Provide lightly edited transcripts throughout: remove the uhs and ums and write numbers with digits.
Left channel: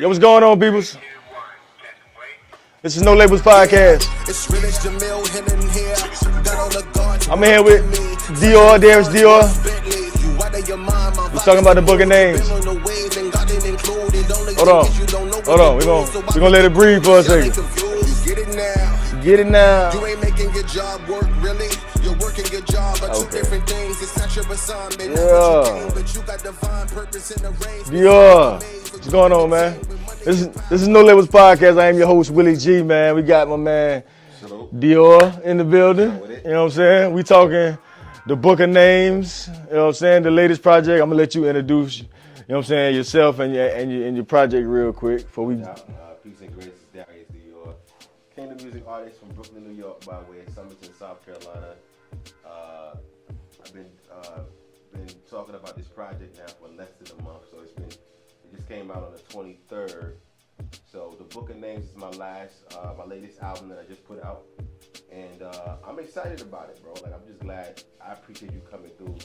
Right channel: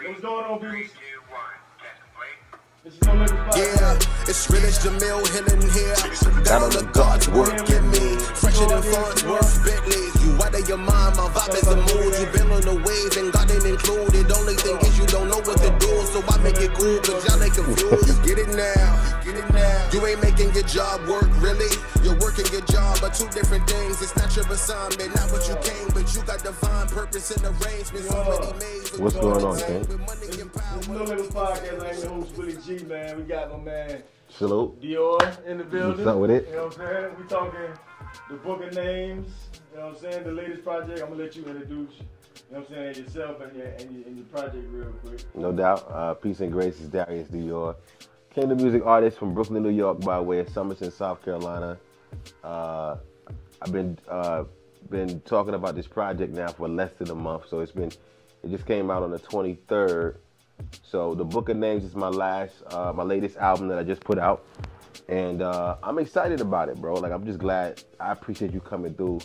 Yo, what's going on, peoples? This is No Labels Podcast. I'm here with Dior, Darius, Dior. We're talking about the book of names. Hold on. We're gonna let it breathe for a second. Get it now. You ain't making your job work, really. You're working your job, but two different things. It's not your assignment, not what you came, but you got divine purpose in the range. Dior, what's going on, man? This is No Labels Podcast. I am your host, Willie, Geeh, man. We got my man Dior in the building. You know what I'm saying? We talking the book of names. You know what I'm saying? The latest project. I'm gonna let you introduce. You know what I'm saying? Yourself and your project real quick. No doubt. Peace and grace is Darius, Dior. Came to music artist from Brooklyn, New York, by way of Somerton, South Carolina. I've been talking about this project now for less than a month, so it just came out on the 23rd. So the Book of Names is my latest album that I just put out, and I'm excited about it, bro. Like, I'm just glad. I appreciate you coming through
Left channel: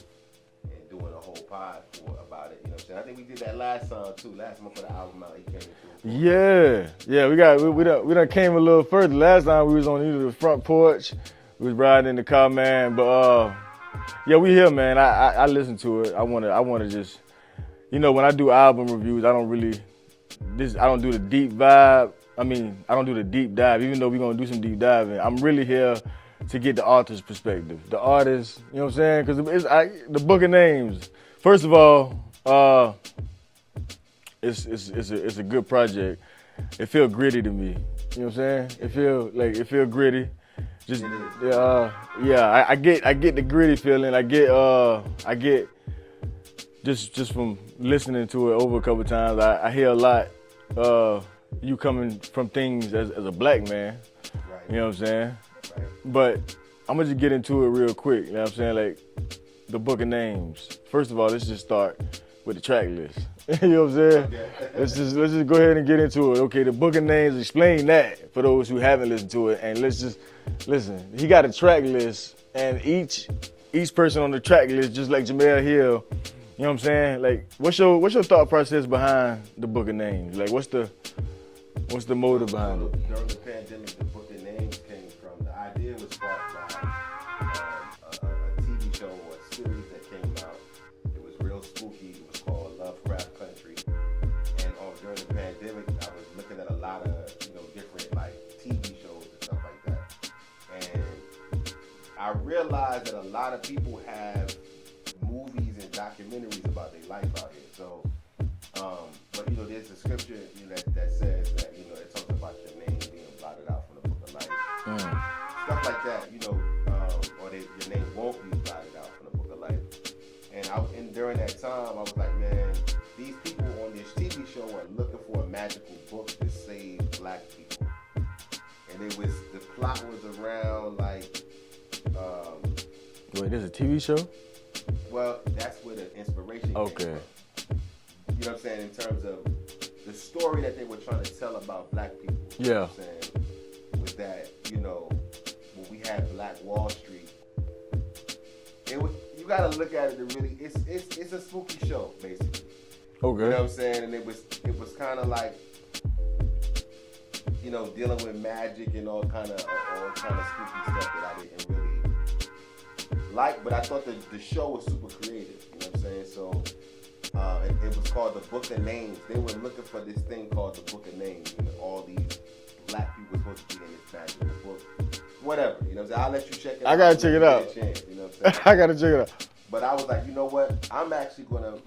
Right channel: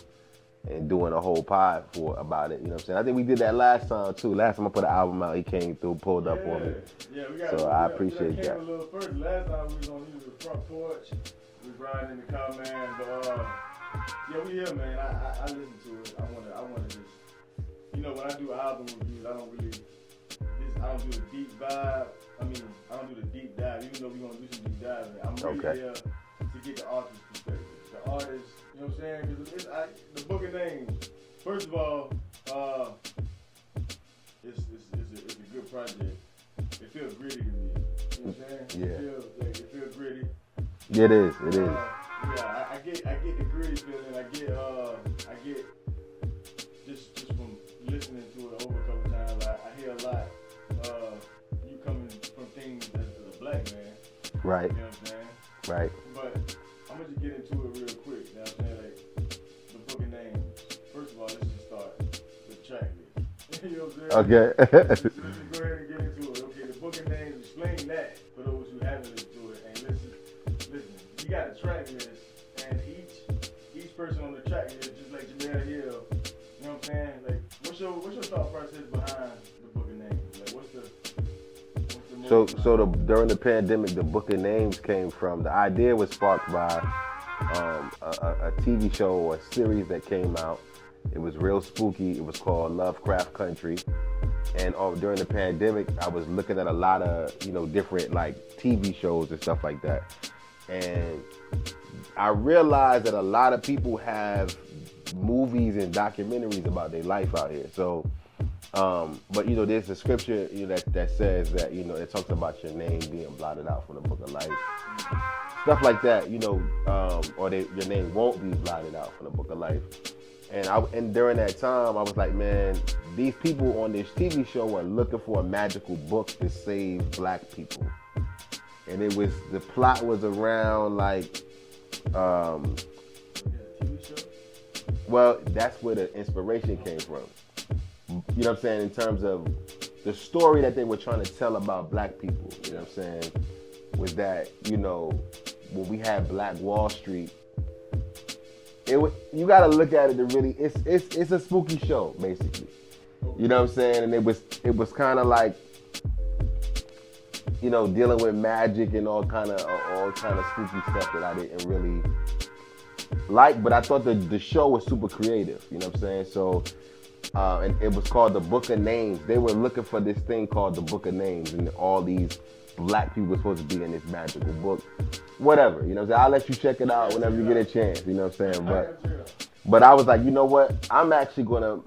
and doing a whole pod about it. You know what I'm saying? I think we did that last time too. Last time I put an album out, he came through, pulled up. Yeah. We done came a little further. Last time we was on either the front porch, we was riding in the car, man. But yeah, we here, man. I listen to it. I wanna just, you know, when I do album reviews, I don't do the deep vibe. I don't do the deep dive, even though we're gonna do some deep diving. I'm really here to get the author's perspective. The artist, you know what I'm saying? Because the Book of Names, first of all, it's a good project. It feels gritty to me. You know what I'm saying? Yeah. It feel gritty. It is. I get the gritty feeling. I get just from listening to it over a couple times. I hear a lot. You coming from things as a black man. Right. You know what I'm saying? Right. But I'm gonna just get into it real quick. You know what I'm saying? Like, the Book of Names. First of all, let's just start with the track list. You know what I'm saying? Okay. let's just go ahead and get into it. Okay, the Book of Names, explain that for those who haven't listened to it. And let's just listen. He got a track list, and each person on the track list, just like Jamel Hill, you know what I'm saying? Like, what's your thought process behind the Book of Names? Like, what's the motive behind it? During the pandemic, the Book of Names came from, the idea was sparked by a TV show or a series that came out. It was real spooky. It was called Lovecraft Country. And during the pandemic, I was looking at a lot of, different like TV shows and stuff like that. And I realized that a lot of people have movies and documentaries about their life out here. So, but there's a scripture that says that it talks about your name being blotted out from the book of life, stuff like that. Or your name won't be blotted out from the book of life. And during that time, I was like, man, these people on this TV show are looking for a magical book to save black people, and the plot was around like. Wait, there's a TV show? Well, that's where the inspiration came from. You know what I'm saying? In terms of the story that they were trying to tell about black people. You know what I'm saying? Was that, when we had Black Wall Street, you gotta look at it to really, it's a spooky show, basically. Okay. You know what I'm saying? And it was kind of like, dealing with magic and all kind of spooky stuff that I didn't really like, but I thought the show was super creative, you know what I'm saying? So, and it was called the Book of Names. They were looking for this thing called the Book of Names, and all these black people were supposed to be in this magical book. Whatever, you know what I'm saying? I'll let you check it out. I gotta check it out. Get a chance, you know what I'm saying? I gotta check it out. But I was like, you know what? I'm actually gonna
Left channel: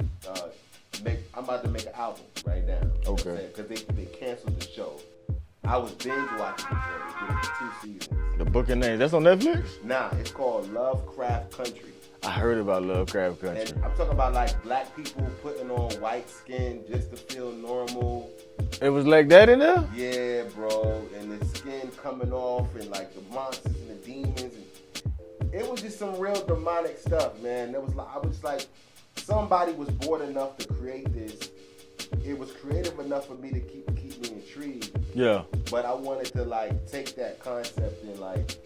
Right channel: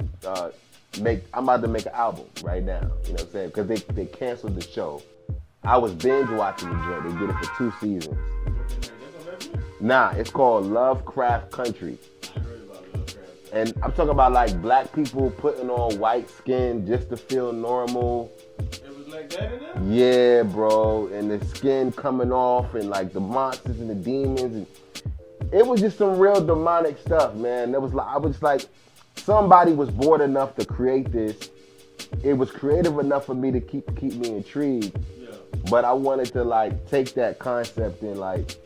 I'm about to make an album right now. You know what I'm saying? Because they canceled the show. I was binge watching the joint. They did it for 2 seasons. The Book of Names. That's on Netflix? Nah, it's called Lovecraft Country. I heard about Lovecraft Country. And I'm talking about like black people putting on white skin just to feel normal. It was like that in there? Yeah, bro. And the skin coming off and like the monsters and the demons. And it was just some real demonic stuff, man. I was like, somebody was bored enough to create this. It was creative enough for me to keep me intrigued. Yeah. But I wanted to like take that concept and like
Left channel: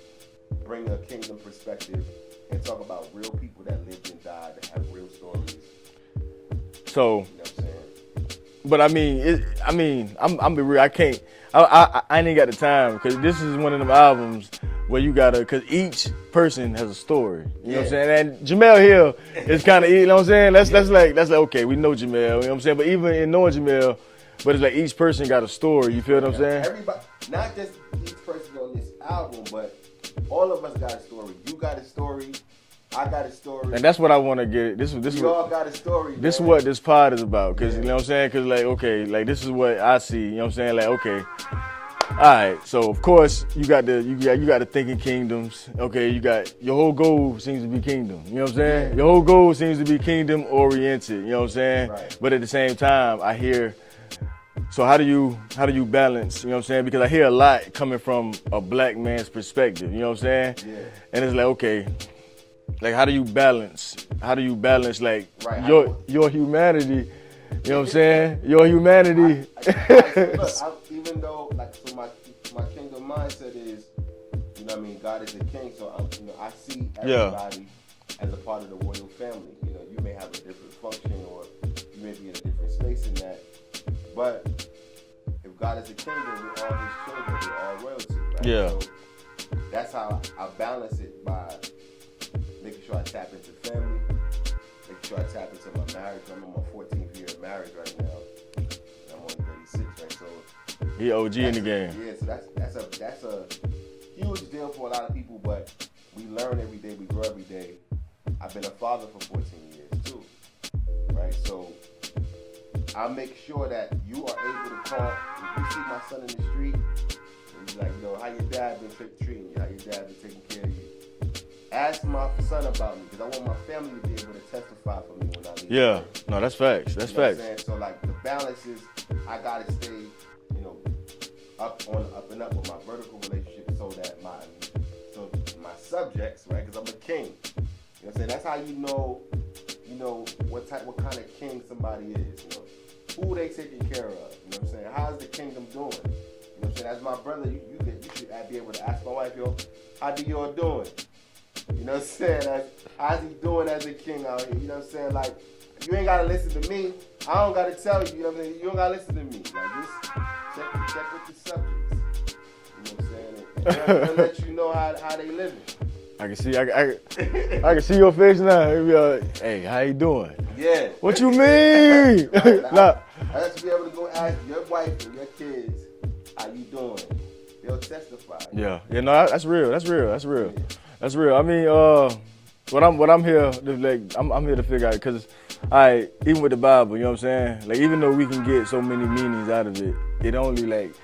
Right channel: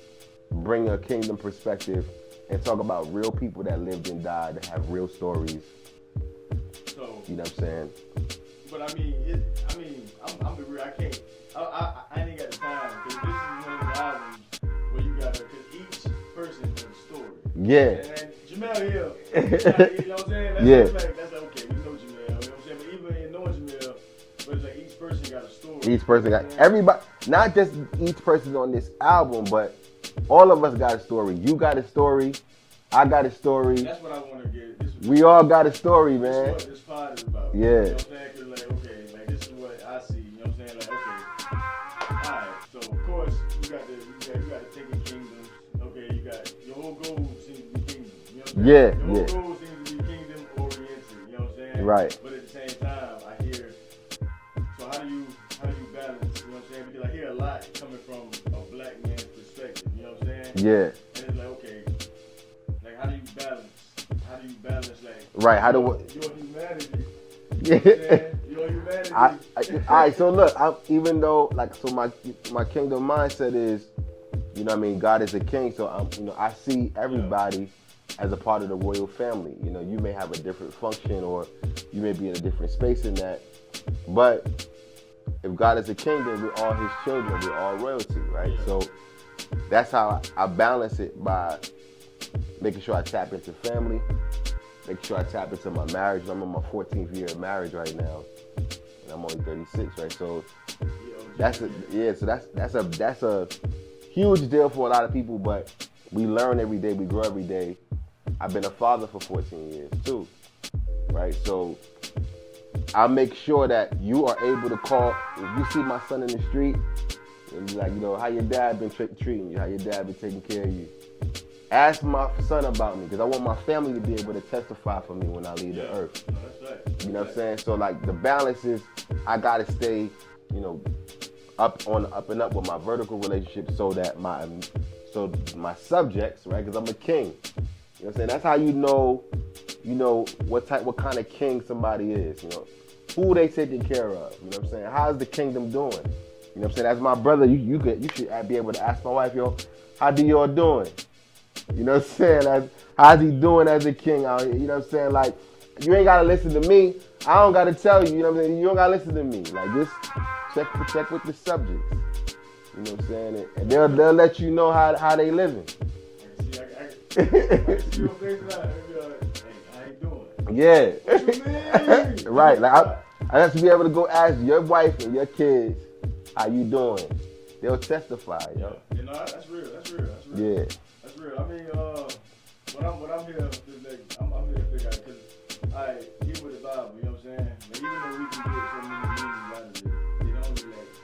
bring a kingdom perspective and talk about real people that lived and died that have real stories. So, you know what I'm saying? But I mean, I'm be real. I can't. I ain't got the time because this is one of them albums where you gotta, because each person has a story. You know what I'm saying? And Jamel Hill is kind of, you know what I'm saying? That's like okay, we know Jamel. You know what I'm saying? But even in knowing Jamel, but it's like each person got a story. You feel what I'm saying? Everybody, not just each person on this album, but all of us got a story. You got a story. I got a story. And that's what I want to get. We all got a story, man. This is what this pod is about. You know what I'm saying? Because, like, okay, like, this is what I see. You know what I'm saying? Like, okay. All right. So, of course, you got the thinking kingdoms. Okay, you got your whole goal seems to be kingdom. You know what I'm saying? Yeah. Your whole goal seems to be kingdom oriented. You know what I'm saying? Right. But at the same time, I hear, so how do you balance, you know what I'm saying? Because I hear a lot coming from a black man's perspective, you know what I'm saying? Yeah. And it's like, okay, like how do you balance like your humanity, you know what I'm saying? Your humanity. All right, so look, even though, like, so my kingdom mindset is, you know what I mean, God is a king, so I see everybody as a part of the royal family. You know, you may have a different function or you may be in a different space in that. But if God is a king, then we're all his children, we're all royalty, right? Yeah. So that's how I balance it, by making sure I tap into family, making sure I tap into my marriage. I'm in my 14th year of marriage right now. And I'm only 36, right? So he OG in the game. Yeah, so that's a huge deal for a lot of people, but we learn every day, we grow every day. I've been a father for 14 years too, right? So I make sure that you are able to call, if you see my son in the street, and be like, you know, how your dad been treating you, how your dad been taking care of you. Ask my son about me, because I want my family to be able to testify for me when I leave the earth. No, that's facts. That's facts. What I'm saying? So, like, the balance is, I gotta stay, you know, up and up with my vertical relationship, so that my subjects, right? Because I'm a king. You know what I'm saying? That's how you know what kind of king somebody is. You know, who they taking care of. You know what I'm saying? How's the kingdom doing? You know what I'm saying? As my brother, you should be able to ask my wife, yo, how Dior doing? You know what I'm saying? How's he doing as a king out here? You know what I'm saying? Like, you ain't gotta listen to me. I don't gotta tell you. You know what I'm saying? You don't gotta listen to me. Like, just check with the subjects. You know what I'm saying? And they'll let you know how they living. I can see, I can see your face now. Be like, hey, how you doing? Yeah. What you mean? Right. Like, I have to be able to go ask your wife and your kids, how you doing? They'll testify. Yeah. Yeah. No, that's real. That's real. That's real. Yeah. That's real. I mean, what I'm here to, like, I'm here to figure out, because even with the Bible, you know what I'm saying? Like, even though we can get so many meanings out of it, it only, like,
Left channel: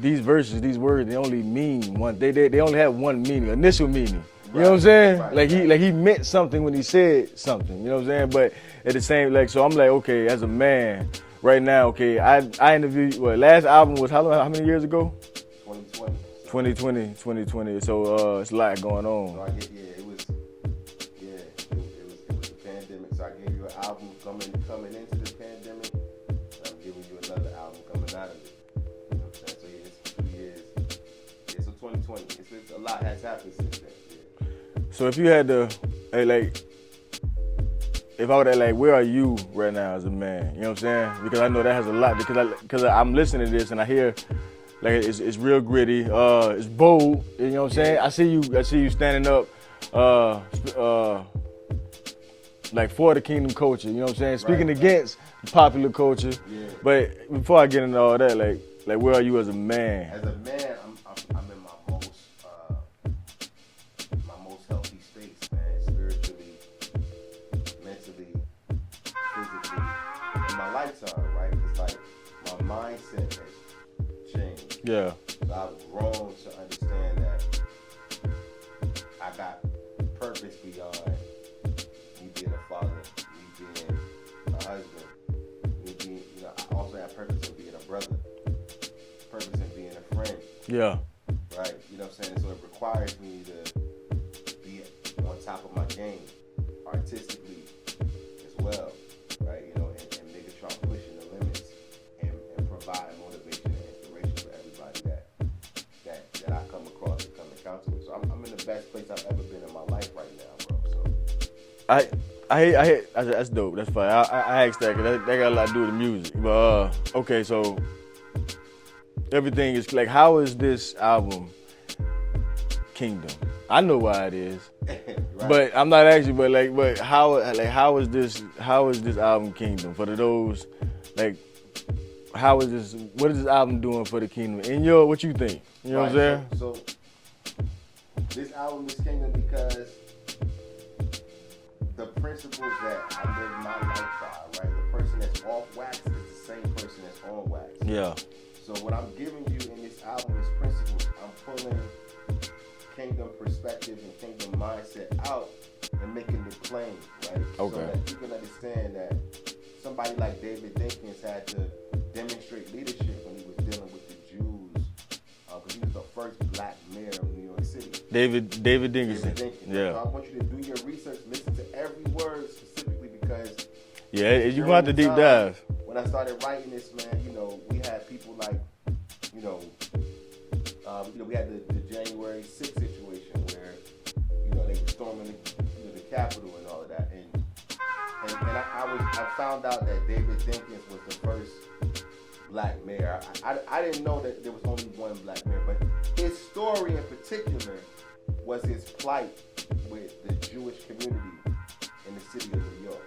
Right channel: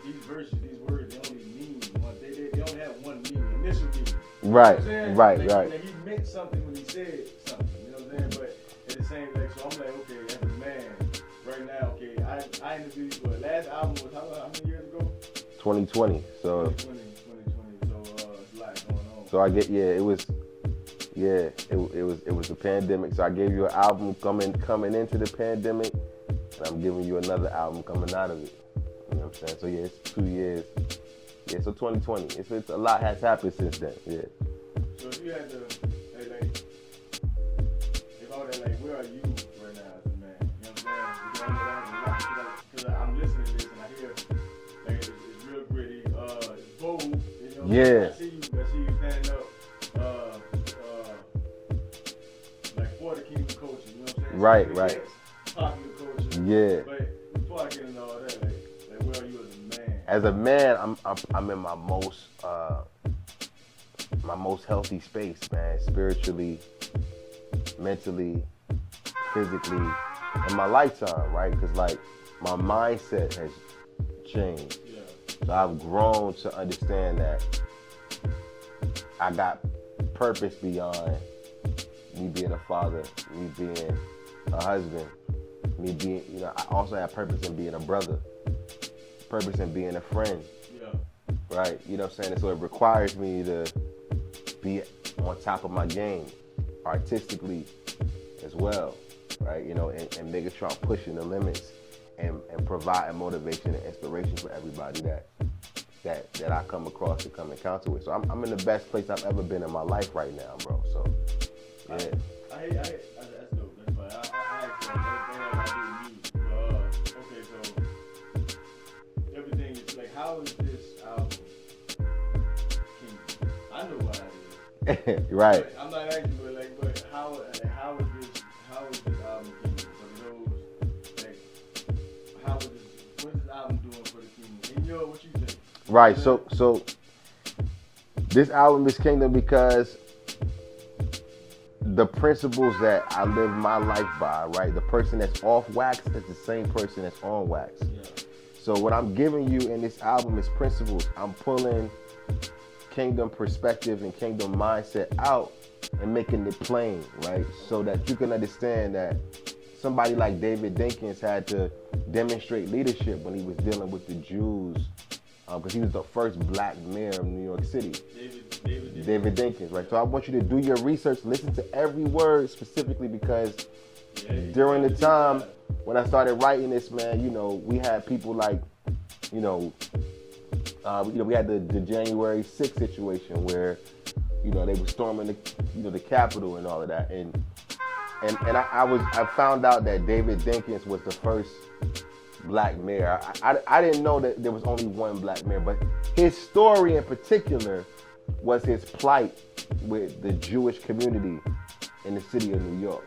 these verses, these words, they only mean one. They only have one meaning, initial meaning. You know what I'm saying? Right. He meant something when he said something. You know what I'm saying? But at the same, like, so I'm like, okay, as a man, right now, okay, I interviewed. Last album was how many years ago? 2020. So 2020. So it's a lot going on. So it was the pandemic. So I gave you an album coming into the pandemic, and I'm giving you another album coming out of it. You know what I'm saying? So yeah, it's 2 years. Yeah, so 2020. It's a lot has happened since then. Yeah. So if you had to, if I were to, like, where are you right now as a man? You know what I'm saying? Because I know that has a lot. Because I'm listening to this and I hear, like, it's real gritty. It's bold. You know what I'm saying? I see you standing up, like, for the kingdom culture. You know what I'm saying? Speaking against popular culture. Yeah. But before I get into all that, like where are you as a man? As a man, I'm in my most healthy space, man. Spiritually, mentally, physically, in my lifetime, right? Because, like, my mindset has changed. Yeah. So I've grown to understand that I got purpose beyond me being a father, me being a husband, me being, you know, I also have purpose in being a brother, purpose in being a friend. Yeah. Right? You know what I'm saying? And so it requires me to be on top of my game, artistically as well, right? You know, and making sure I'm pushing the limits and providing motivation and inspiration for everybody that I come across and come encounter with. So I'm in the best place I've ever been in my life right now, bro. So That's dope. That's fine. I asked that because that got a lot to do with the music. But okay, so everything is like, how is this album Kingdom? I know why it is. Right. But I'm not asking, but how is this album Kingdom for those like what is this album doing for the Kingdom? And what you think? You know right. what I'm So this album is Kingdom because the principles that I live my life by, right? The person that's off wax is the same person that's on wax. Yeah. So what I'm giving you in this album is principles. I'm pulling Kingdom perspective and Kingdom mindset out and making it plain, right? Okay. So that you can understand that somebody like David Dinkins had to demonstrate leadership when he was dealing with the Jews, because he was the first black mayor of New York City. David Dinkins. David Dinkins. Right? Yeah. So I want you to do your research, listen to every word specifically, because you're going to have to deep dive. When I started writing this, man, we had people like, we had the January 6th situation where, they were storming the Capitol and all of that, and I found out that David Dinkins was the first black mayor. I didn't know that there was only one black mayor, but his story in particular was his plight with the Jewish community in the city of New York.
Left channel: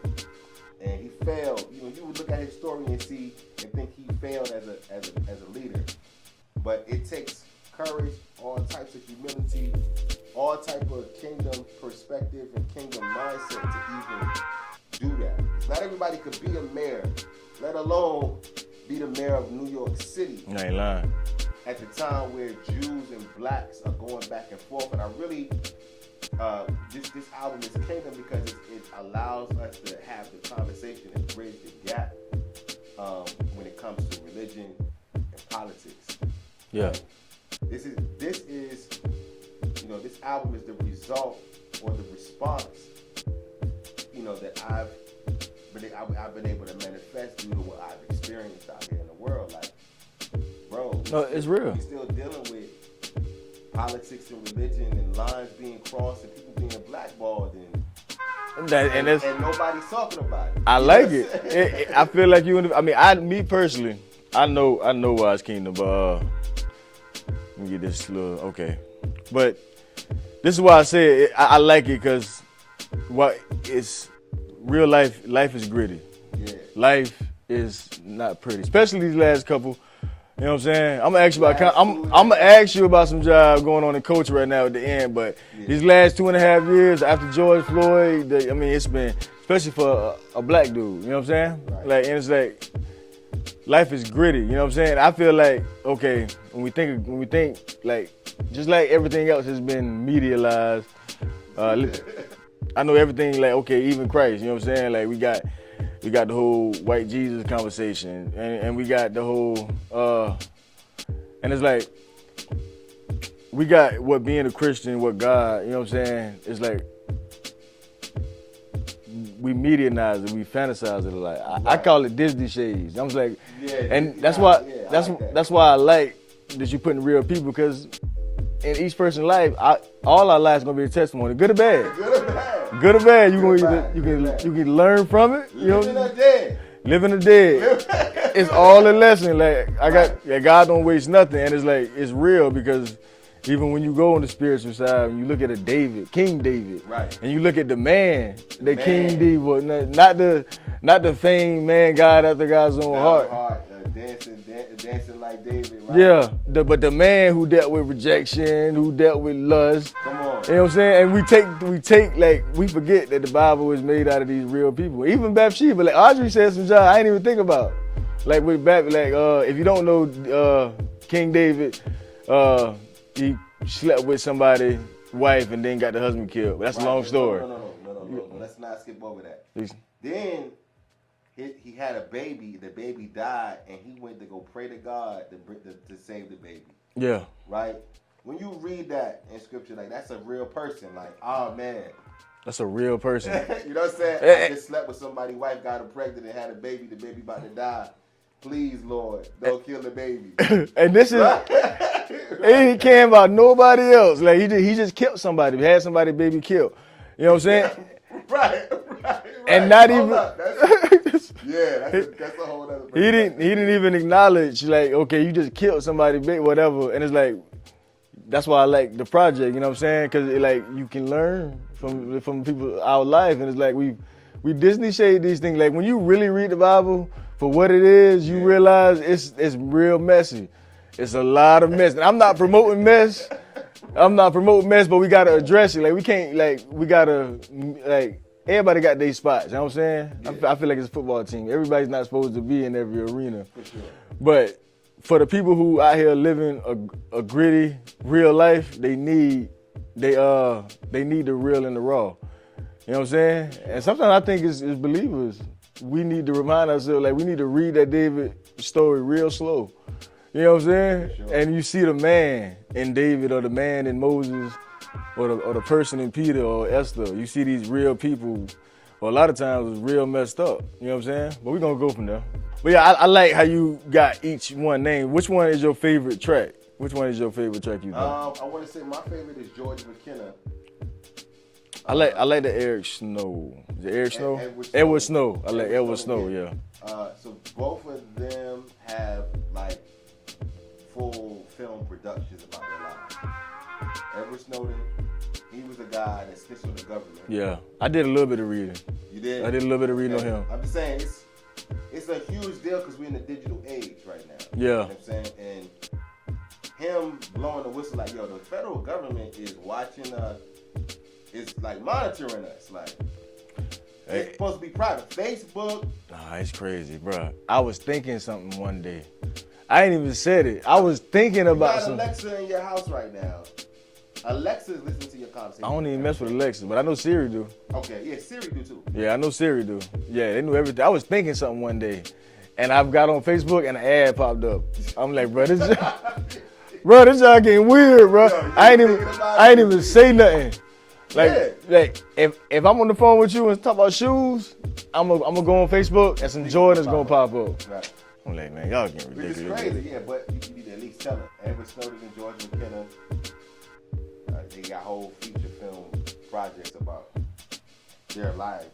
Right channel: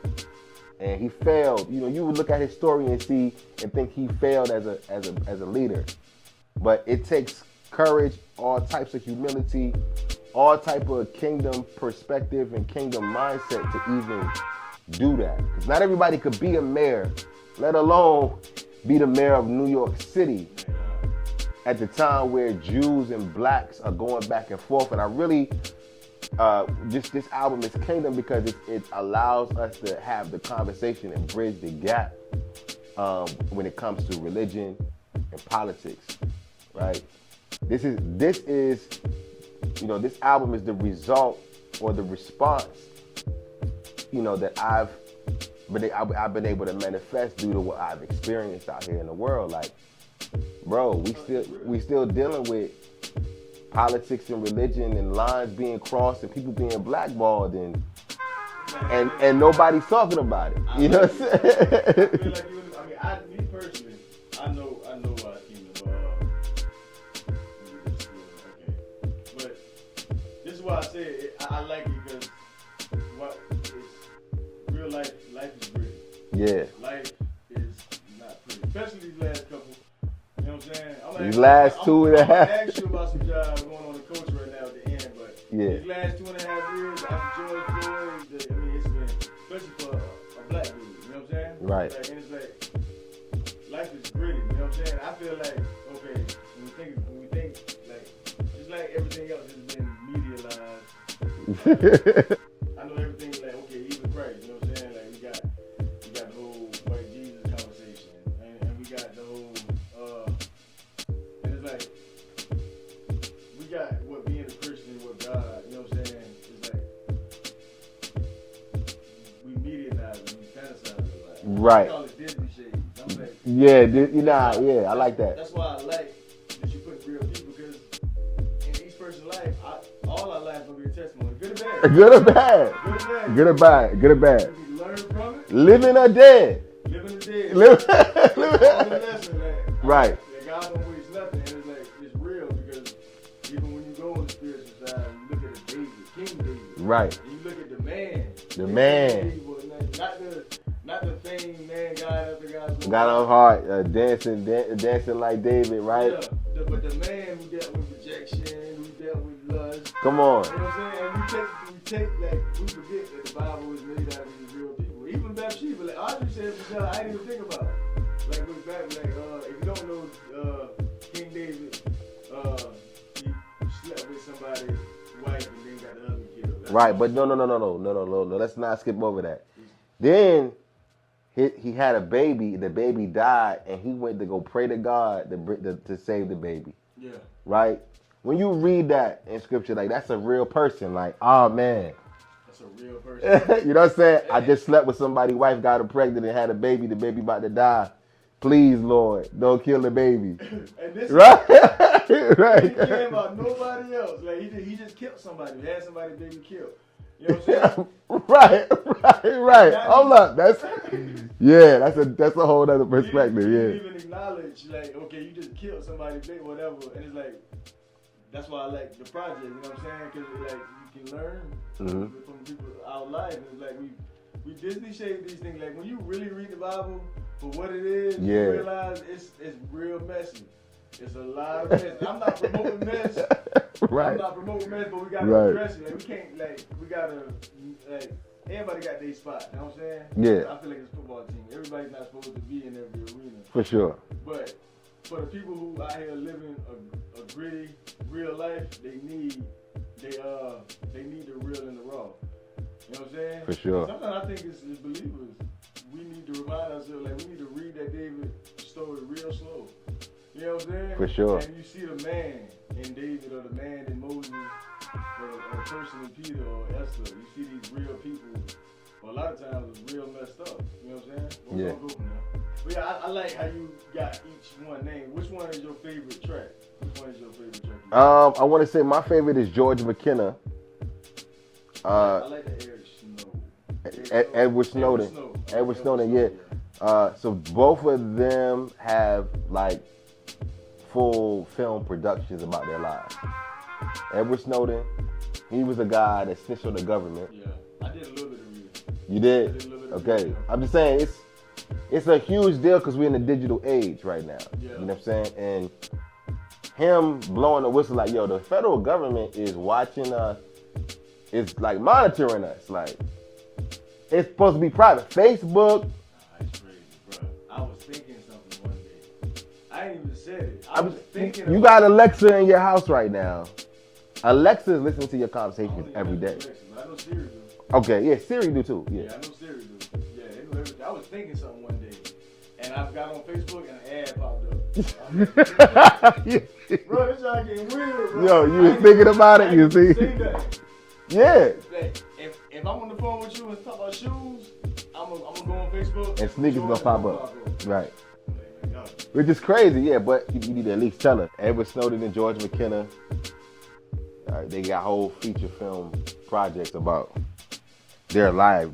And he failed. You would look at his story and think he failed as a leader. But it takes courage, all types of humility, all type of Kingdom perspective and Kingdom mindset to even do that. Because not everybody could be a mayor, let alone be the mayor of New York City. I ain't lying. At the time where Jews and blacks are going back and forth. And I really, this album is Kingdom because it allows us to have the conversation and bridge the gap when it comes to religion and politics. Yeah. Right? This album is the result or the response, that I've been able to manifest due to what I've experienced out here in the world. Like, bro, it's real. We still dealing with politics and religion and lines being crossed and people being blackballed and nobody's talking about it. I like it. I feel like me personally, I know why it's Kingdom, but let me get this little, okay. But this is why I say I like it, because it's real life. Life is gritty. Yeah. Life is not pretty, especially these last couple. You know what I'm saying? I'm gonna ask you about some job going on in coach right now at the end, but these last 2.5 years after George Floyd, it's been, especially for a black dude. You know what I'm saying? Right. Like, and it's like life is gritty. You know what I'm saying? I feel like, okay, when we think like, just like everything else has been medialized. I know everything, like, okay, even Christ. You know what I'm saying? Like, we got the whole white Jesus conversation, and we got the whole, and it's like, we got what being a Christian, what God, you know what I'm saying? It's like, we medianize it, we fantasize it a lot. I call it Disney shades. I was like, that's why I like that you're putting real people, because in each person's life, all our lives gonna be a testimony, good or bad. Good or bad. Good or bad. Good or bad. You can learn from it. Living or dead. Living or dead. It's all a lesson. Like God don't waste nothing, and it's like, it's real, because even when you go on the spiritual side, you look at a King David, right, and you look at the man, the King David, not the famed man, God after God's own heart, dancing like David, right? Yeah, but the man who dealt with rejection, who dealt with lust. Come on, you know what I'm saying? And we take like, we forget that the Bible was made out of these real people. Even Bathsheba, like Audrey said some job I ain't even think about. Like with if you don't know King David, he slept with somebody's wife and then got the husband killed. That's right, a long story. No. Let's not skip over that. Then he had a baby. The baby died, and he went to go pray to God to save the baby. Yeah. Right? When you read that in scripture, like, that's a real person. Like, oh, man. That's a real person. You know what I'm saying? I just slept with somebody's wife, got her pregnant, and had a baby. The baby about to die. Please, Lord, don't kill the baby. And this is right. He ain't caring about nobody else. Like, he just killed somebody. He had somebody's baby killed. You know what I'm saying? Right. Right. And not Hold even up. That's a whole other perspective. he didn't even acknowledge, like, okay, you just killed somebody big, whatever. And it's like, that's why I like the project, you know what I'm saying? Because like you can learn from people our life, and it's like we Disney shade these things. Like when you really read the Bible for what it is, you realize it's real messy. It's a lot of mess. And I'm not promoting mess. Right. I'm not promoting mess, but we gotta address it. Like we can't, we gotta, everybody got their spots. You know what I'm saying? Yeah. I feel like it's a football team. Everybody's not supposed to be in every arena. For sure. But for the people who out here living a gritty, real life, they need the real and the raw. You know what I'm saying? For sure. And sometimes I think as believers, we need to remind ourselves, like we need to read that David story real slow. You know what I'm saying? For sure. And you see the man in David, or the man in Moses, or the person in Peter or Esther. You see these real people, or a lot of times it's real messed up. You know what I'm saying? But we're gonna go from there. But yeah, I like how you got each one named. Which one is your favorite track? Which one is your favorite track you got? I want to say my favorite is George McKenna. I like the Eric Snow. The Eric Snow? Edward Snow. I like Edward Snow, yeah. So both of them have like full film productions about their lives. Edward Snowden, he was a guy that snitched on the government. Yeah, I did a little bit of reading. You did? I did a little bit of reading on him. I'm just saying, it's a huge deal because we're in the digital age right now. Yeah. You know what I'm saying? And him blowing the whistle like, yo, the federal government is watching us, it's like monitoring us. Like, it's supposed to be private. Facebook. Nah, it's crazy, bro. I was thinking something one day. I ain't even said it. I was thinking about. You got Alexa in your house right now. Alexa is listening to your conversation. I don't even mess with Alexa, but I know Siri do. Okay, yeah, Siri do too. Yeah, I know Siri do. Yeah, they knew everything. I was thinking something one day, and I've got on Facebook and an ad popped up. I'm like, bro, this job getting weird, bro. Yo, I ain't even say nothing. Like, if I'm on the phone with you and talk about shoes, I'm gonna go on Facebook and some Jordans gonna pop up. Right. I'm like, man, y'all getting which is crazy, yeah, but you need to at least tell her. Edward Snowden and George McKenna, they got whole feature film projects about their lives.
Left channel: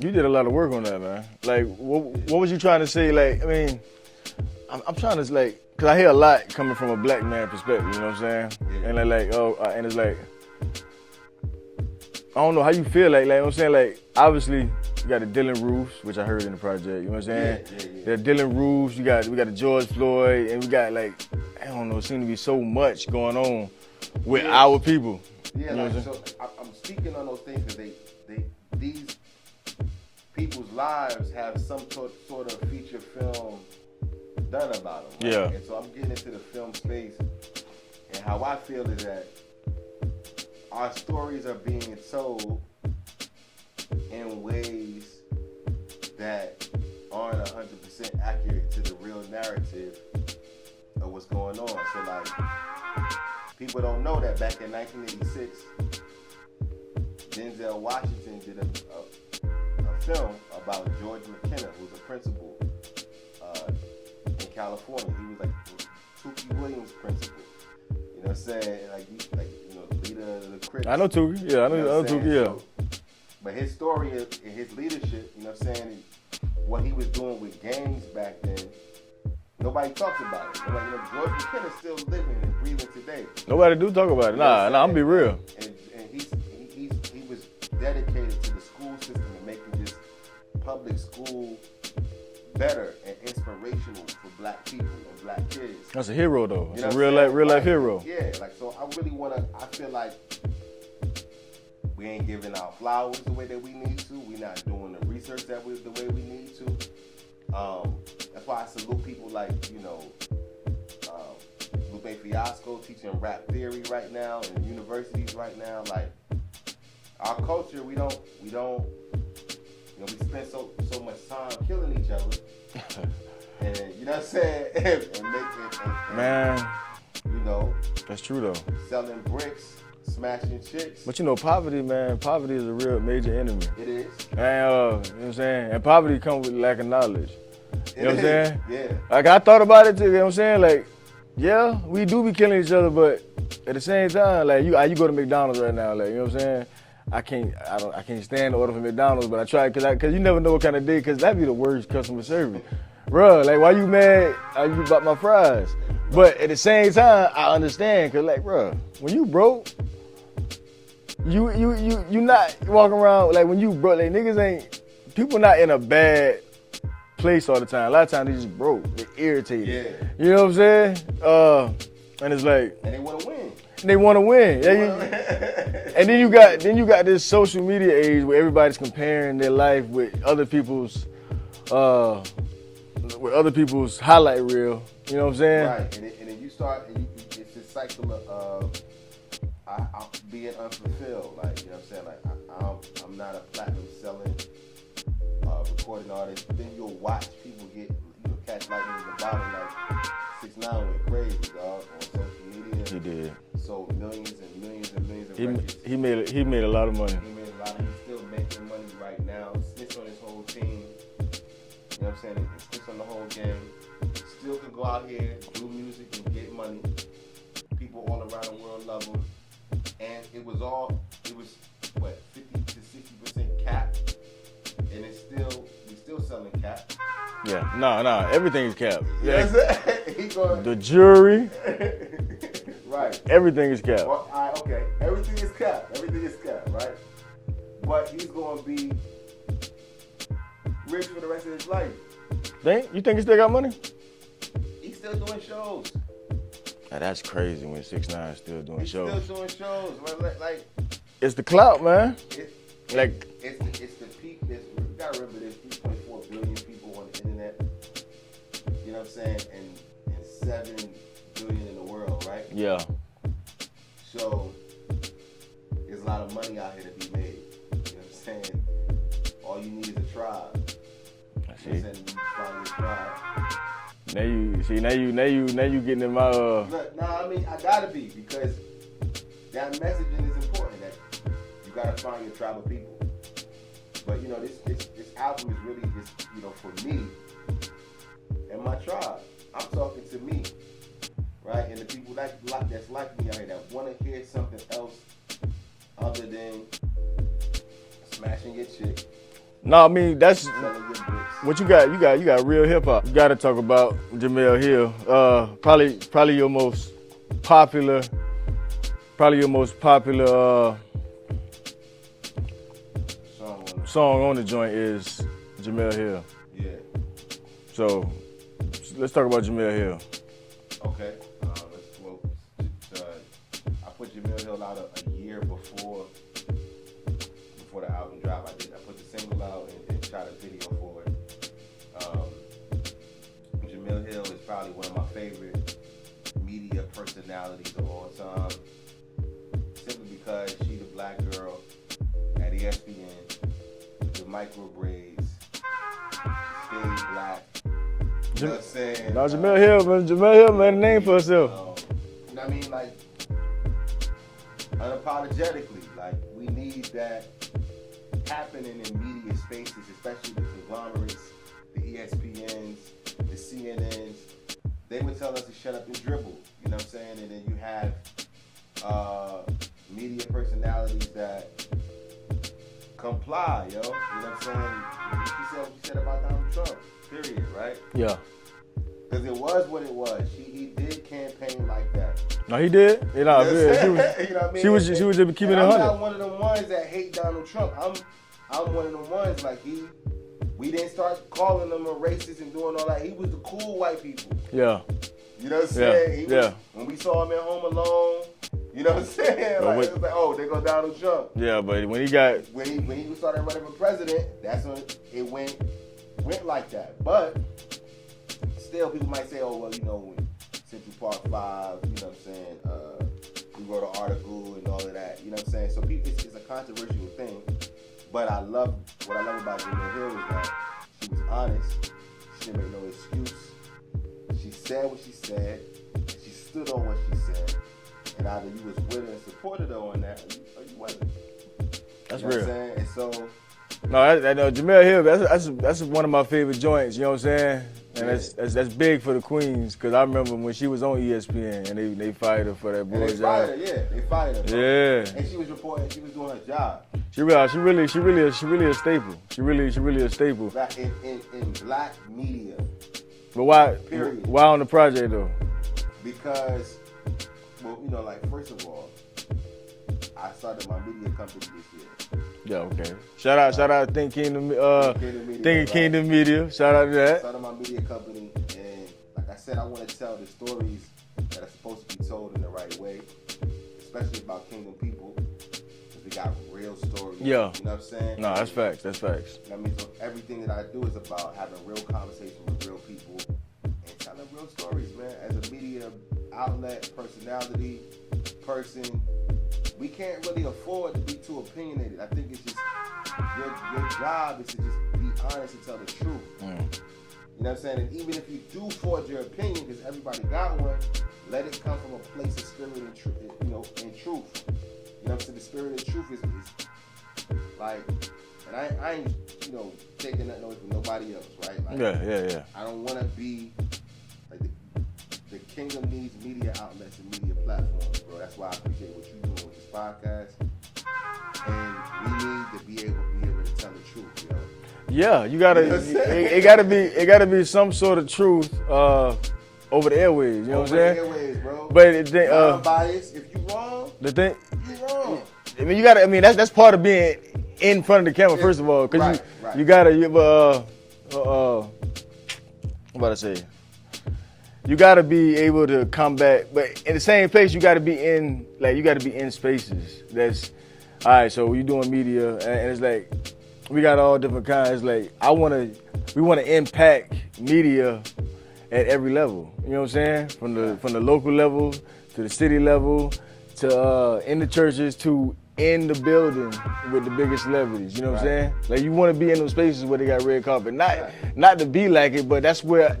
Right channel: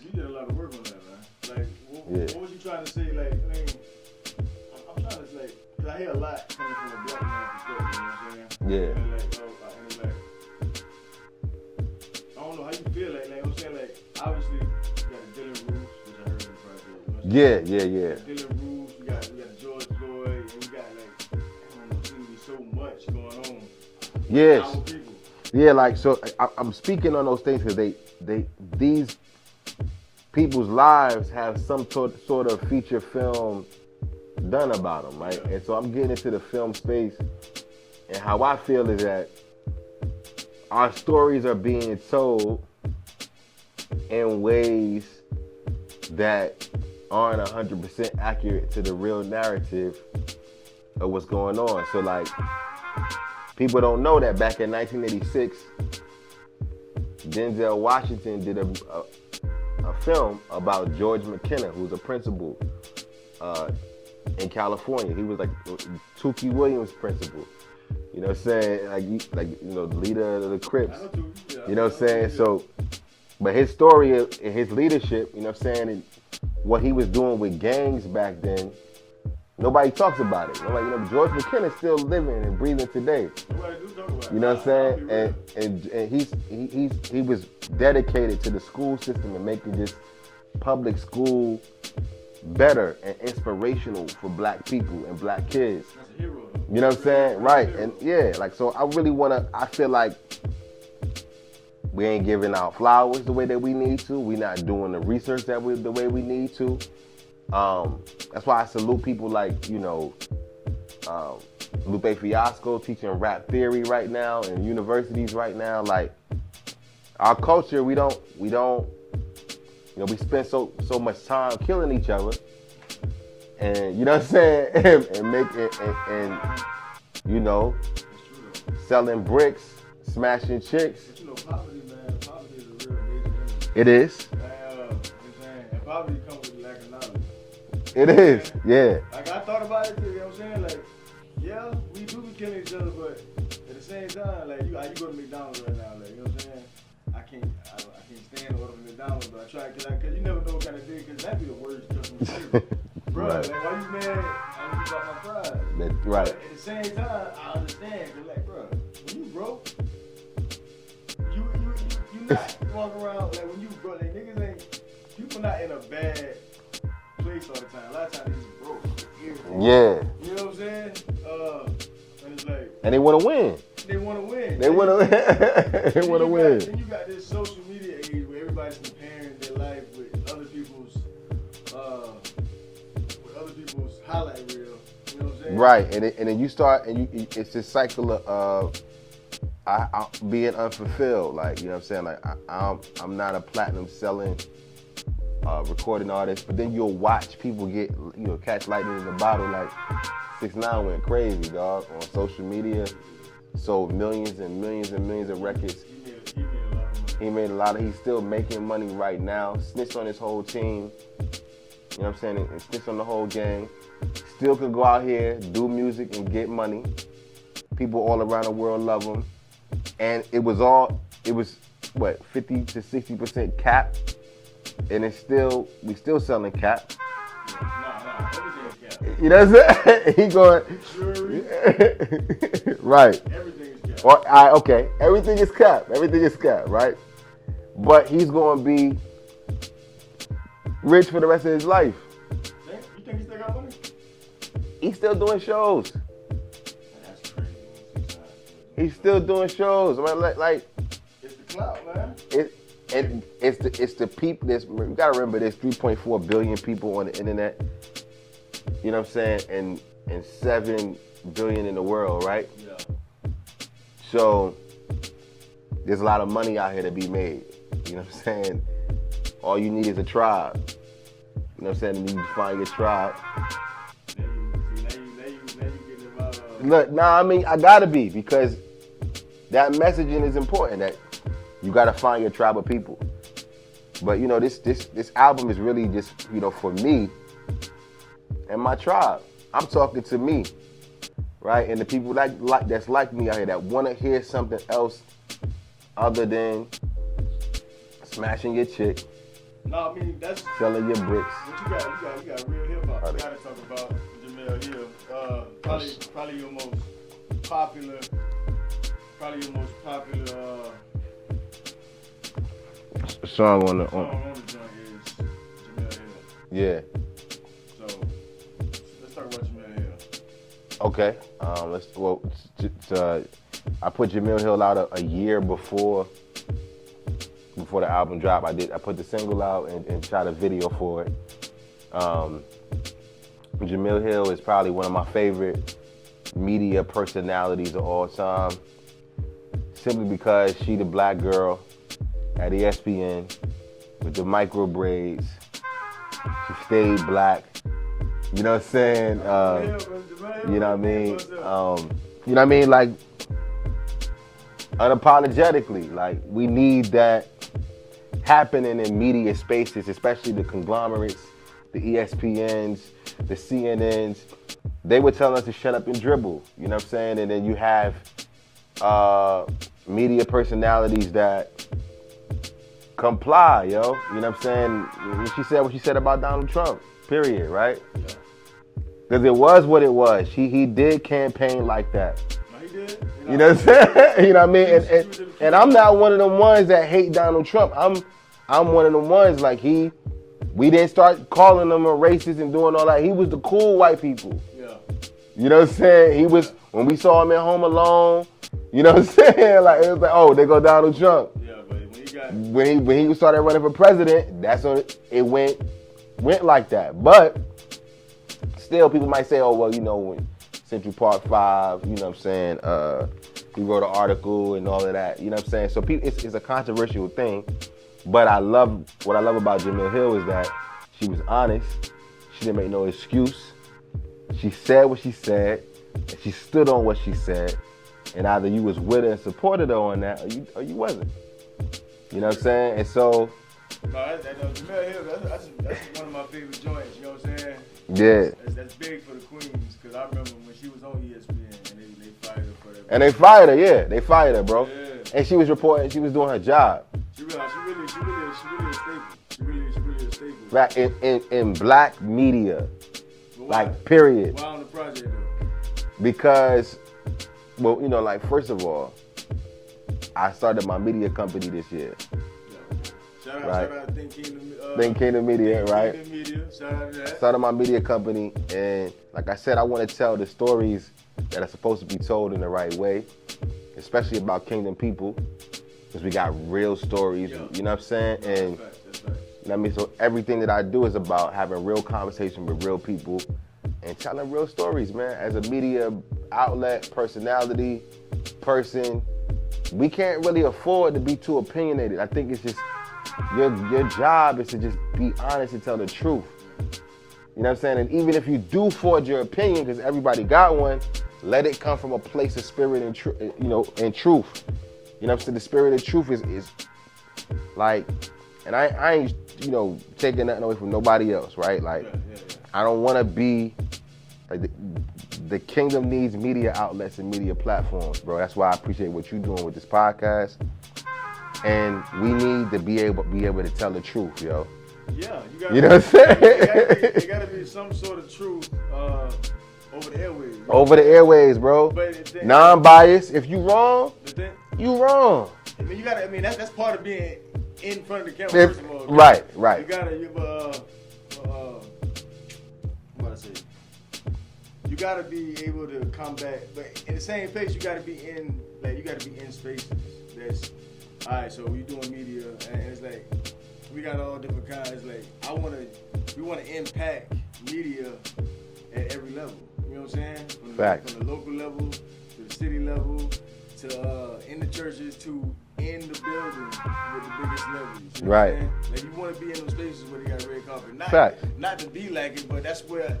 You did a lot of work on that, man. Like, what was you trying to say? Like, I mean, I'm trying to, like, because I hear a lot coming from a black man perspective, you know what I'm saying? Yeah. And and it's like, I don't know how you feel, like you know what I'm saying? Like, obviously, you got the Dylan Roofs, which I heard in the project, you know what I'm saying? Yeah. The Dylan Roofs, we got the George Floyd, and we got, like, I don't know, it seems to be so much going on with our people. Yeah, like, so I'm speaking on those things because these people's lives have some sort of feature film done about them, right? Yeah. And so I'm getting into the film space, and how I feel is that our stories are being told in ways that aren't 100% accurate to the real narrative of what's going on. So, like, people don't know that back in 1986, Denzel Washington did a film about George McKenna, who's a principal in California. He was like Tukey Williams' principal. You know what I'm saying? The leader of the Crips. I know Tukey. Yeah, I know. You know what I'm saying? Tukey, yeah. So, but his story and his leadership, you know what I'm saying, and what he was doing with gangs back then, nobody talks about it. Nobody, George McKenna's still living and breathing today. Nobody do talk about it. You know what I'm saying? I'll be real. And he was dedicated to the school system and making this public school better and inspirational for black people and black kids. That's a hero, though. You know what I'm saying? Real life hero. And so I feel like we ain't giving out flowers the way that we need to. We're not doing the research the way we need to. That's why I salute people like, Lupe Fiasco teaching rap theory right now in universities right now. Like, our culture, we spend so much time killing each other, and you know what I'm saying, and making, man, that's true though. Selling bricks, smashing chicks. But poverty is a real major enemy. It is. And you know what I'm saying, and poverty comes with lack of knowledge. It is. Yeah. Like, I thought about it too. You know what I'm saying? Like, yeah, we do be killing each other, but at the same time, like, you go to McDonald's right now, like, you know what I'm saying? I can't stand the order from McDonald's, but I try because you never know what kind of day, because that'd be the worst customer service. Bruh, like, why you mad? You bought my fries. Right. But at the same time, I understand, because, like, bruh, when you broke, you not walking around, like, when you broke, like, people not in a bad place all the time. A lot of times they just broke. They irritate. Yeah. You know what I'm saying? And it's like, and they want to win. They want to win. They want to win. And then you got this social media age where everybody's comparing their life with other people's highlight reel. You know what I'm saying? Right. And then you start, and it's this cycle of being unfulfilled. Like, you know what I'm saying? Like, I'm not a platinum selling recording artist, but then you'll watch people get, catch lightning in the bottle. Like 6ix9ine went crazy, dog, on social media. He did. Sold millions and millions and millions of records. He made a lot of money. He's still making money right now. Snitched on his whole team. You know what I'm saying? And snitched on the whole gang. Still could go out here, do music, and get money. People all around the world love him. And it was what, 50 to 60% cap? And we still selling cap. Yeah, no, everything is cap. You know what I'm saying? He going the jury, right? Everything is cap. Okay, everything is cap. Everything is cap, right? But he's going to be rich for the rest of his life. You think he still got money? He's still doing shows. Now, that's crazy when 6ix9ine is still doing shows. He's still doing shows. I mean, like it's the clout, man. It's the people. You gotta remember, there's 3.4 billion people on the internet. You know what I'm saying? And 7 billion in the world, right? Yeah. So there's a lot of money out here to be made. You know what I'm saying? All you need is a tribe. You know what I'm saying? You find your tribe. Now you getting in my. Look, I mean, I gotta be, because that messaging is important. That you gotta find your tribe of people. But this album is really just, for me and my tribe. I'm talking to me, right? And the people that's like me out here that want to hear something else other than smashing your chick. No, I mean, that's selling your bricks. What you got? You got real hip hop. You got to talk about Jemele Hill. Probably your most popular. Song on the joint is Jemele Hill. Yeah. So let's talk about Jemele Hill. Okay. I put Jemele Hill out a year before the album dropped. I put the single out and shot a video for it. Jemele Hill is probably one of my favorite media personalities of all time, simply because she the black girl at ESPN with the micro braids. She stayed black. You know what I'm saying? No, Jemele Hill, man. Jemele Hill made a name for herself. You know what I mean? Like, unapologetically, like, we need that happening in media spaces, especially the conglomerates, the ESPNs, the CNNs. They would tell us to shut up and dribble. You know what I'm saying? And then you have media personalities that comply, yo. You know what I'm saying? She said what she said about Donald Trump, period, right? Yeah. Because it was what it was. He did campaign like that. No, he did. You know what I'm saying? You know what I mean? She was and I'm not one of them ones that hate Donald Trump. I'm one of them ones, like, we didn't start calling him a racist and doing all that. He was the cool white people. Yeah. You know what I'm saying? He was, when we saw him at Home Alone, you know what I'm saying? Like, it was like, oh, there go Donald Trump. Yeah, but when he started running for president, that's when it went like that. But still, people might say, oh, well, when Central Park 5, you know what I'm saying, he wrote an article and all of that, you know what I'm saying? So it's a controversial thing, but what I love about Jemele Hill is that she was honest. She didn't make no excuse. She said what she said, and she stood on what she said, and either you was with her and supported her on that, or you wasn't. You know what I'm saying? And so No, Jamel Hill, that's one of my favorite joints. You know what I'm saying? Yeah. That's big for the Queens, because I remember when she was on ESPN and they fired her for that. And they fired her, yeah. They fired her, bro. Yeah. And she was reporting she was doing her job. She really a staple. She really a staple. Black in black media. But why? Like, period. Why on the project though? Because, well, you know, like, first of all, I started my media company this year. Yeah, okay. Shout out Think Kingdom Think Kingdom Media. Think Kingdom Media. Shout out to that. Started my media company, and like I said, I want to tell the stories that are supposed to be told in the right way, especially about Kingdom people, because we got real stories. Yeah. You know what I'm saying? No, that's facts. That's facts. I mean, so everything that I do is about having real conversation with real people and telling real stories, man. As a media outlet, personality, person, we can't really afford to be too opinionated. I think it's just your job is to just be honest and tell the truth. You know what I'm saying? And even if you do forge your opinion, because everybody got one, let it come from a place of spirit and truth. You know, and truth. You know what I'm saying? The spirit of truth is like, and I ain't, you know, taking nothing away from nobody else, right? Like, yeah. I don't want to be like the kingdom needs media outlets and media platforms, bro. That's why I appreciate what you're doing with this podcast. And we need to be able to tell the truth, yo. Yeah, you gotta. You know what I'm saying? It gotta be some sort of truth over the airways. You know Over the airways, bro. But non-biased. If you wrong, you wrong. I mean, you gotta. I mean, that's part of being in front of the camera. First of all, right. You gotta. I'm about to say. You gotta be able to combat, but in the same place, you gotta be in. Like, you gotta be in spaces. That's all right. So we doing media, and it's like we got all different kinds. Like, we wanna impact media at every level. You know what I'm saying? From the local level to the city level to in the churches to in the building with the biggest celebrities. You know what I'm saying? Like, you want to be in those spaces where they got red carpet. Not to be like it, but that's where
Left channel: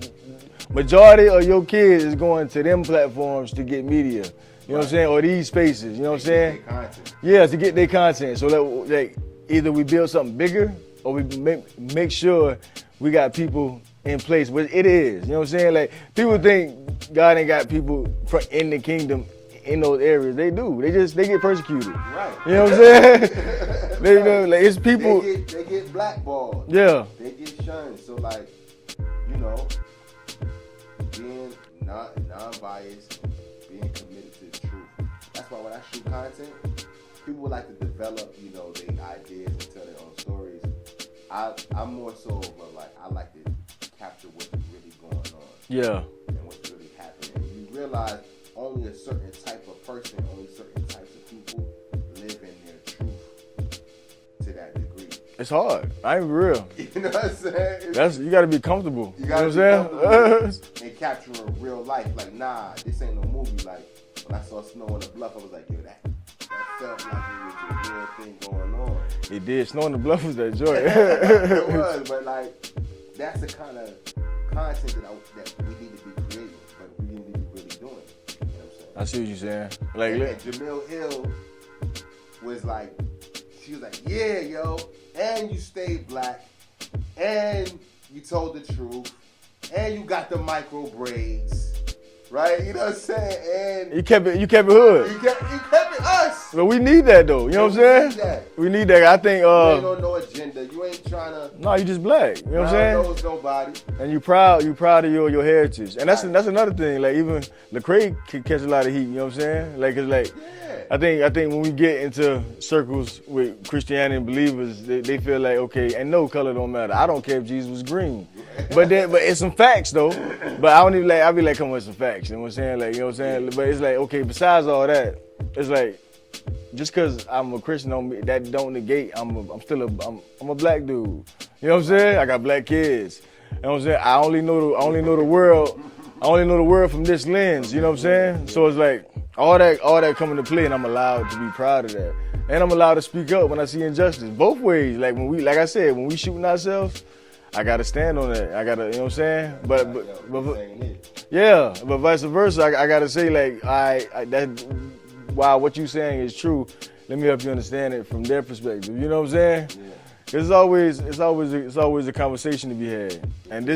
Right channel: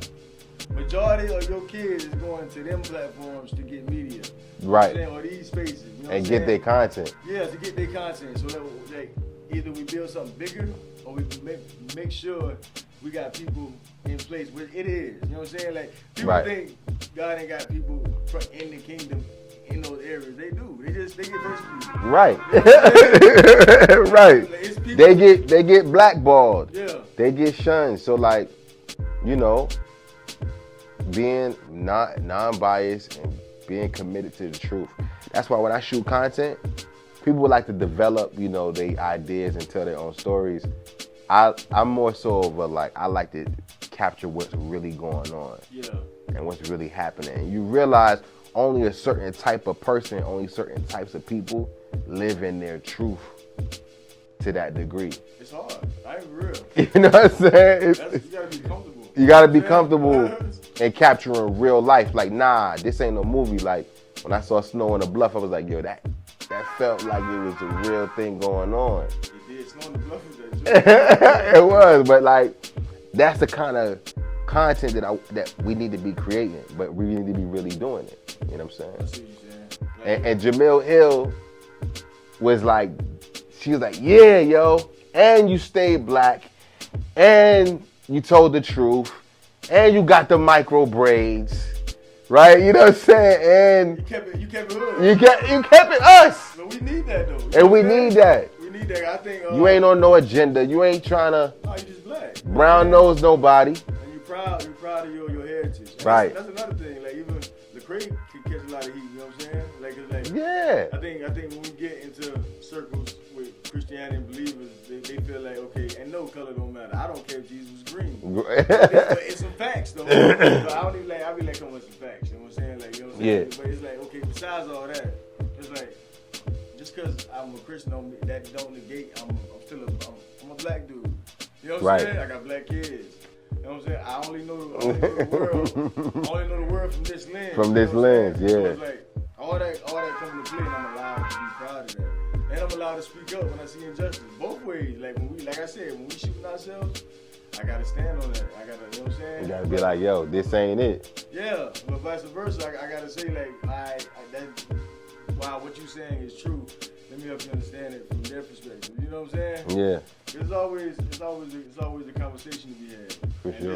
majority of your kids is going to them platforms to get media. You know what I'm saying? Or these spaces. You know what I'm saying? And get their content. Yeah, to get their content. So that, like, either we build something bigger or we make sure we got people in place, which it is. You know what I'm saying? Like, people think God ain't got people in the kingdom in those areas. They do. They get persecuted. Right. You know what I'm saying? Right. Like, it's people. They get blackballed. Yeah. They get shunned. So, like, you know, being non-biased and being committed to the truth. That's why when I shoot content, people would like to develop, you know, their ideas and tell their own stories. I'm more so of a, like, I like to capture what's really going on. Yeah. And what's really happening. And you realize only a certain type of person, only certain types of people live in their truth to that degree. It's hard. I ain't real. You know what I'm saying? You gotta be comfortable. You gotta be comfortable in capturing real life. Like, nah, this ain't no movie. Like, when I saw Snow on the Bluff, I was like, yo, that felt like it was a real thing going on. It did. Snow on the Bluff was that joke. It was, but like, that's the kind of content that we need to be creating, but we need to be really doing it. You know what I'm saying? I see what you're saying. Like, and Jamel Hill was like, she was like, yeah, yo, and you stayed black, and you told the truth, and you got the micro braids. Right, you know what I'm saying, and you kept it hood. You kept it us. But we need that though. You know what I'm saying? Need that. We need that. I think you ain't on no agenda. You ain't trying to. No, you just black. You know brown nose nobody. And you proud of your heritage. And that's another thing. Like, even Lecrae can catch a lot of heat. You know what I'm saying? Like, it's like, yeah. I think when we get into circles with Christianity and believers, they feel like, okay, and no color don't matter. I don't care if Jesus was green. but it's some facts though. But I don't even like. I be like, come on, with some facts. You know what I'm saying? Like, you know what I'm saying? Yeah. But it's like, okay, besides all that, it's like, just because I'm a Christian, that don't negate I'm a black dude. You know what I'm saying? I got black kids. You know what I'm saying? I only know the world from this lens. You know what I'm saying? Yeah. So it's like all that come into play, and I'm allowed to be proud of that. And I'm allowed to speak up when I see injustice. Both ways. Like, like I said, when we shooting ourselves, I gotta stand on that. I gotta, you know what I'm saying? But like, yo, this ain't it. Yeah, but vice versa, I gotta say, like, while what you saying is true, let me help you understand it from their perspective. You know what I'm saying? Yeah. It's always a conversation to be had, and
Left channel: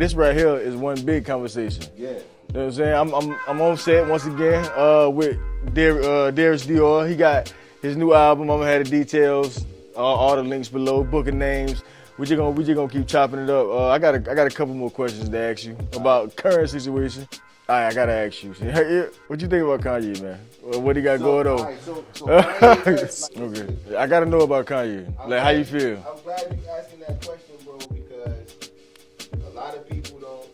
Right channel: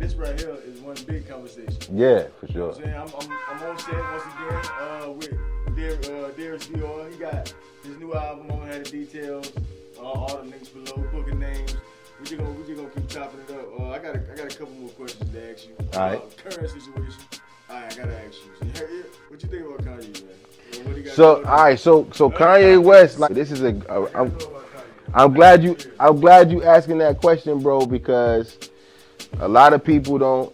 this right here is one big conversation. Yeah, for You know sure. what I'm saying? I'm on set once again with Darius Dior. He got his new album. I'm gonna have the details, all the links below, booking names. We just gonna keep chopping it up. I got a couple more questions to ask you about current situation. All right, I gotta ask you. What you think about Kanye, man? What he got going on? All right, so Kanye West, like, this is I gotta know about Kanye. I'm Like, glad how you. feel? I'm glad you asking that question, bro, because a lot of people don't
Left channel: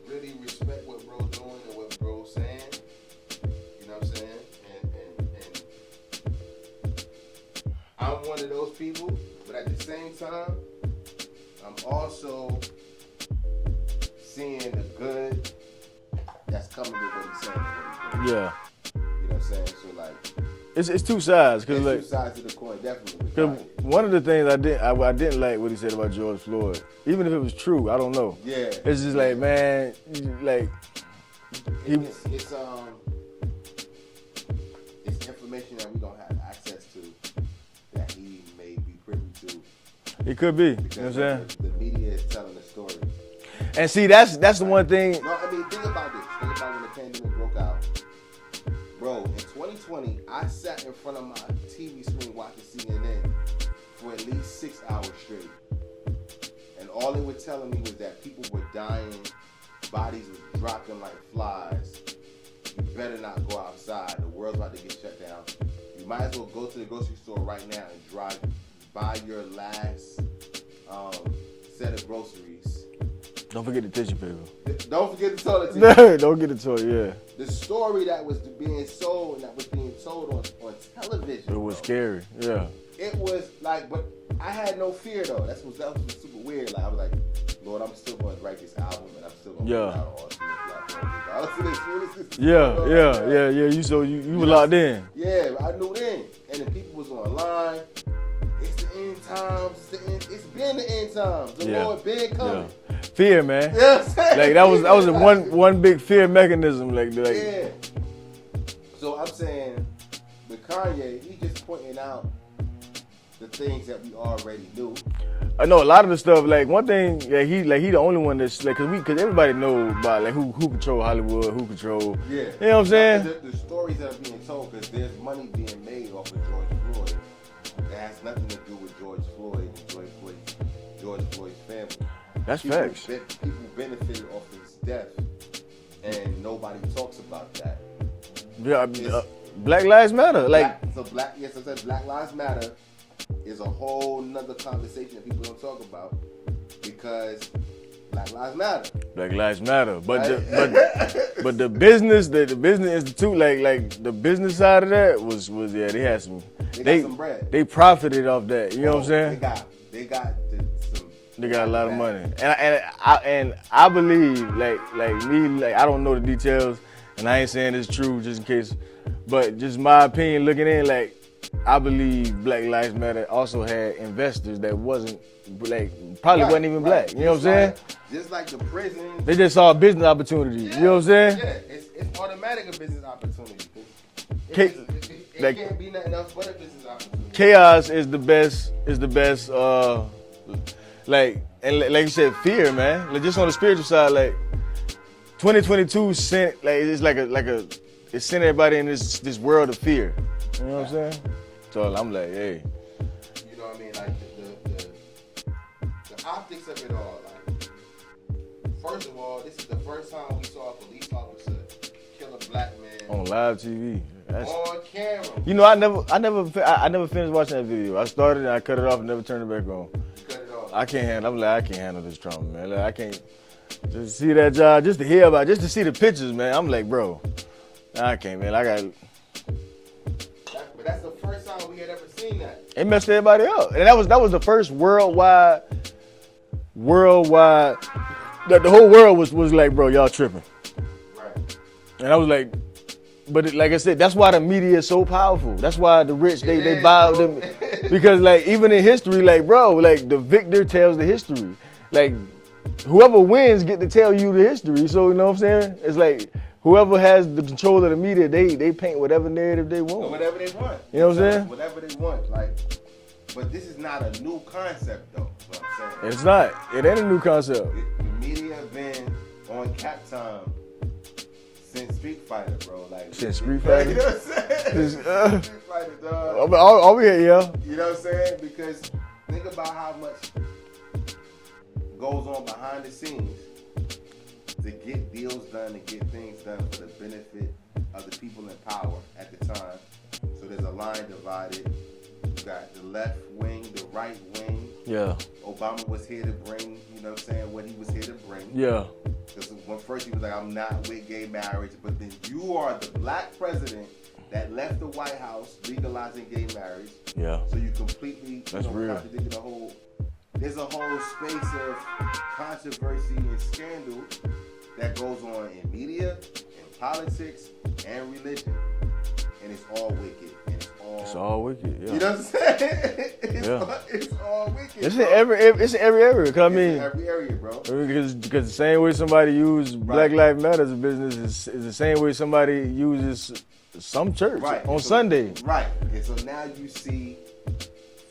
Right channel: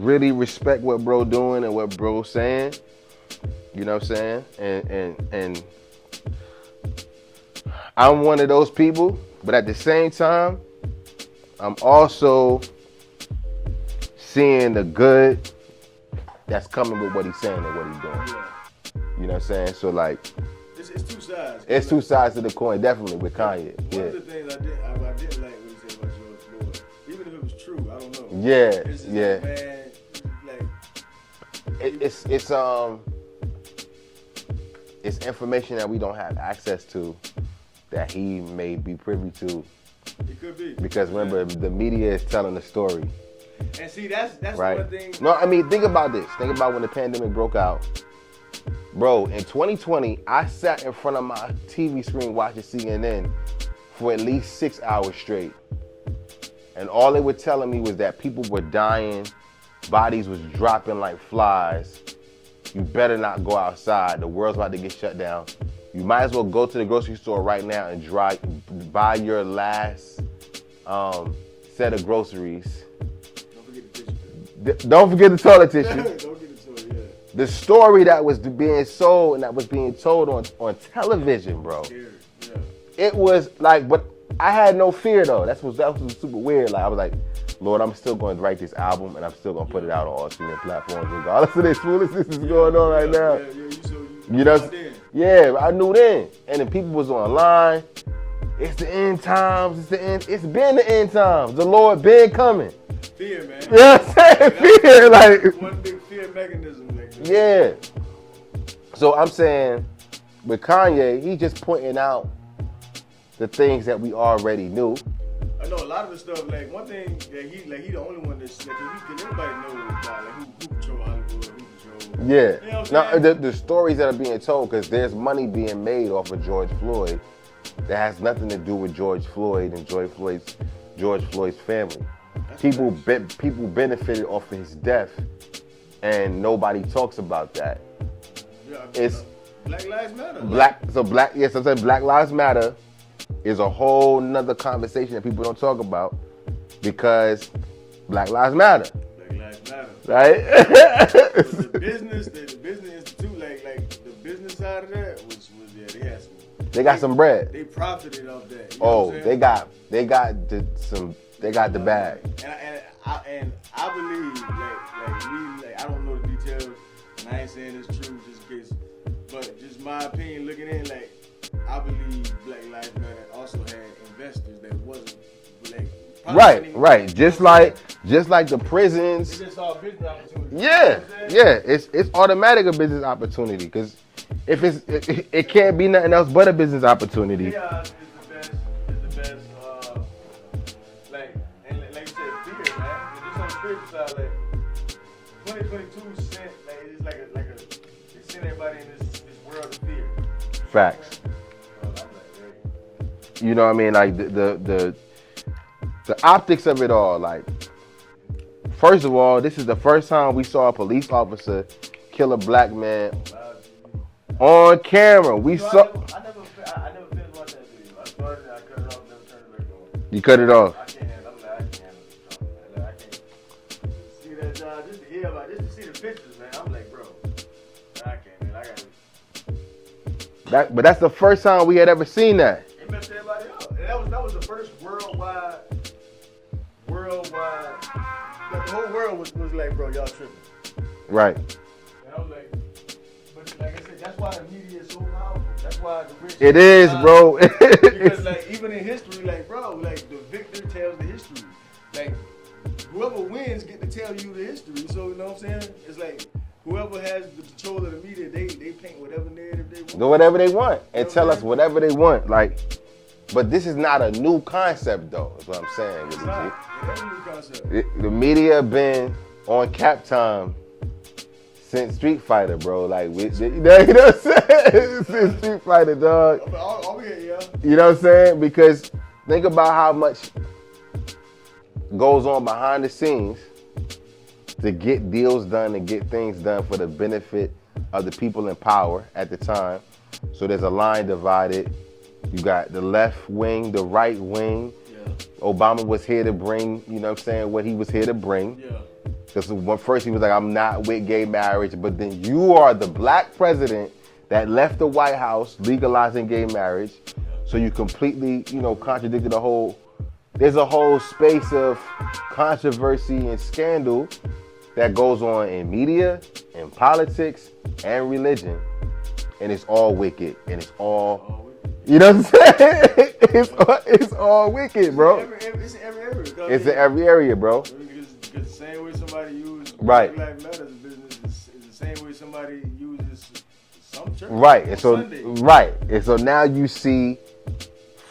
really respect what bro doing and what bro saying. You know what I'm saying? And I'm one of those people, but at the same time, I'm also seeing the good that's coming with what he's saying and what he's doing. Yeah, You know what I'm saying? So like, it's two sides. 'Cause it's like, two sides to the coin, definitely with 'cause Kanye. one of the things I didn't like what he said about George Floyd. Even if it was true, I don't know. Yeah, It's just yeah. like, man, like it's information that we don't have access to that he may be privy to it could be. because You know what I'm remember the media is telling the story. saying? And see, that's the Right? one thing. No, I mean think about this. Think about when the pandemic broke out. Bro, in 2020, I sat in front of my TV screen watching CNN for at least 6 hours straight. And all they were telling me was that people were dying, bodies was dropping like flies. You better not go outside. The world's about to get shut down. You might as well go to the grocery store right now and buy your last set of groceries. Don't forget the tissue paper. Don't forget the toilet tissue. Don't get the toy, yeah. The story that was being sold and that was being told on television, It was bro. scary. Yeah. It was like, but I had no fear though. That was super weird. Like I was like, Lord, I'm still going to write this album and I'm still going to put it out on all streaming platforms regardless of this foolishness is going on right now. Yeah. You know, locked in. Yeah, I knew then. And then people was online. It's the end times. It's the end. It's been the end times. The Lord been coming. Fear, man. You know what I'm saying? Like, that was Like, one big fear mechanism. Like yeah. So I'm saying with Kanye, he's just pointing out the things that we already knew. I know a lot of the stuff. Like one thing, he the only one that's like, cause everybody know about like who control Hollywood, who control. Yeah. You know what I'm saying? Now, the stories that are being told, because there's money being made off of George Floyd that has nothing to do with George Floyd and George Floyd's family. That's People facts. people benefited off of his death, and nobody talks about that. Yeah, I mean, It's- Black Lives Matter. Like, I'm saying Black Lives Matter is a whole nother conversation that people don't talk about because Black Lives Matter. Black Lives Matter. But Right? but the business institute, like the business side of that was they had some. They got some bread. They profited off that. You know what I'm saying? They got They got a the lot bag. of money, and I believe like I don't know the details, and I ain't saying it's true just in case, but just my opinion looking in, like I believe Black Lives Matter also had investors that wasn't like probably wasn't even black, you know what I'm saying? Just like the prisons. They just saw a business opportunity. Yeah, You know what I'm saying? Yeah, it's automatic a business opportunity because it like- can't be nothing else but a business opportunity. Chaos is the best. Like you said, fear, man. Like just on the spiritual side, like 2022 sent it sent everybody in this world of fear. You know what I'm Facts. saying? So I'm like, hey, You know what I mean? Like the optics of it all. Like, first of all, this is the first time we saw a police officer kill a black man on live TV. on camera. I never finished watching that video. I started and I cut it off and never turned it back on. You cut it off. I can't handle this trauma, man. Like, I can't just see that job, just to hear about it, just to see the pictures, man. I'm like, bro, I can't, man. I got But that's the first time we had ever seen that. it messed everybody up. And that was the first worldwide the whole world was like, bro, y'all tripping. Right. And I was like, but like I said, that's why the media is so powerful. That's why the rich It get is, violent. bro. Because like even in history, like bro, like the victor tells the history. Like whoever wins get to tell you the history. So you know what I'm saying? It's like whoever has the control of the media, they paint whatever narrative they want. Whatever they want. You know And what I'm tell us saying? whatever they want. Like, but this is not a new concept, though, is what I'm saying. It's not. It ain't a new concept. The media been on cap time since Street Fighter, bro. Like, you know what I'm saying? Since Street Fighter, dog. All we here, yeah. You know what I'm saying? Because think about how much goes on behind the scenes to get deals done and get things done for the benefit of the people in power at the time. So there's a line divided. You got the left wing, the right wing. Yeah. Obama was here to bring, you know what I'm saying, what he was here to bring. Yeah. Because first he was like, I'm not with gay marriage, but then you are the black president that left the White House legalizing gay marriage. Yeah. So you completely, contradicted there's a whole space of controversy and scandal that goes on in media, in politics, and religion. And it's all wicked. And it's all wicked. Yeah. You know what I'm saying? It's all wicked, It's bro. it's in every area. It's in every area, bro. Because the same way somebody uses Black Lives Matter as a business is the same way somebody uses some church on Sunday. Right. And so now you see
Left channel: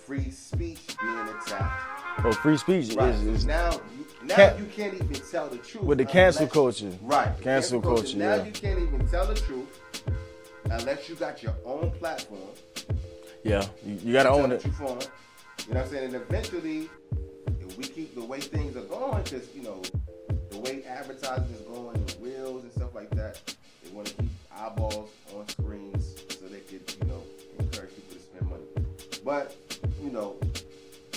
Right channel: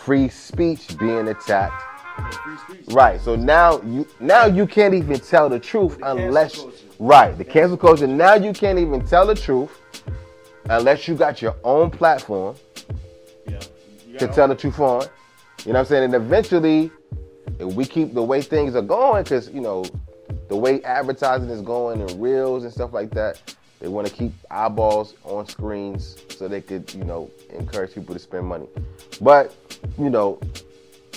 free speech being attacked. Oh, free speech. Right. So now you can't even tell the truth with the cancel culture. Right. The cancel culture. Now yeah. you can't even tell the truth unless you got your own platform. Yeah. You got to tell the truth on. You know what I'm saying? And eventually, if we keep the way things are going, because, the way advertising is going and reels and stuff like that, they want to keep eyeballs on screens so they could, encourage people to spend money. But,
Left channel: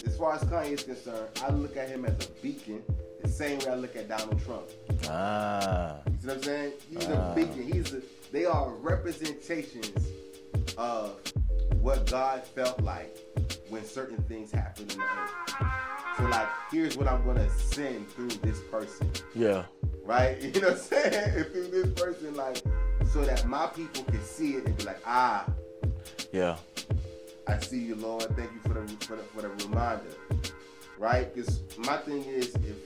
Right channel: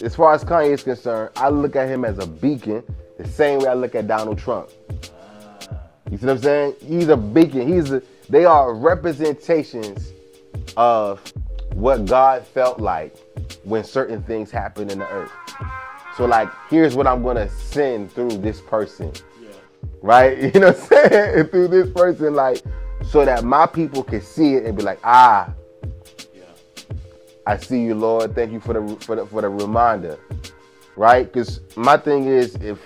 as far as Kanye is concerned, I look at him as a beacon the same way I look at Donald Trump. You see what I'm saying? He's a beacon. They are representations of what God felt like when certain things happen in the earth. So, like, here's what I'm going to send through this person. Yeah. Right? You know what I'm saying? Through this person, like, so that my people can see it and be like, yeah, I see you, Lord. Thank you for the reminder. Right? Because my thing is, if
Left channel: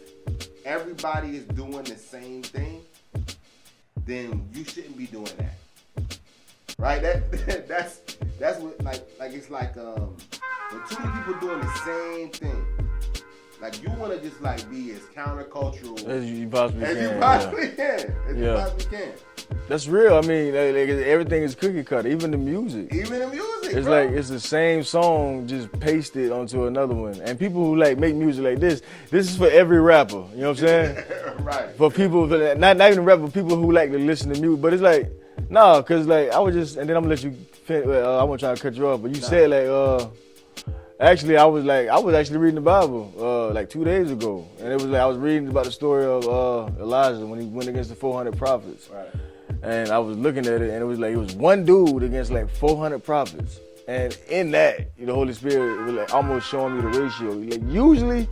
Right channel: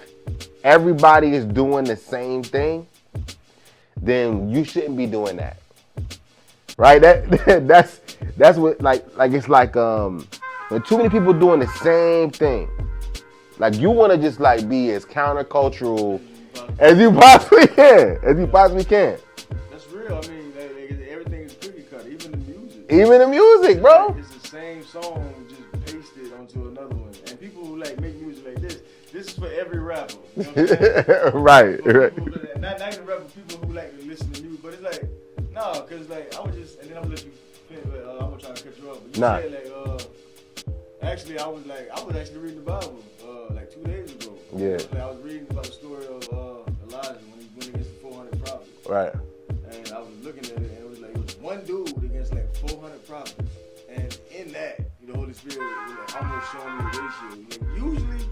everybody is doing the same thing, then you shouldn't be doing that. Right? That's what like it's like when too many people doing the same thing. Like, you want to just like be as countercultural as you possibly can. That's real. I mean, like, everything is cookie cutter, even the music. It's bro. Like, it's the same song just pasted onto another one. And people who like make music like this is for every rapper. You know what I'm saying? Right. For people, not even rapper, people who like to listen to music. But it's like, no, because like I was just, and then I'm gonna let you finish. I wasn't trying to cut you off, but you said like, actually, I was actually reading the Bible like 2 days ago. Yeah. And it was like I was reading about the story of Elijah when he went against the 400 prophets. Right. And I was looking at it, and it was one dude against like 400 prophets. And in that, the Holy Spirit was like almost showing me the ratio. Like, usually,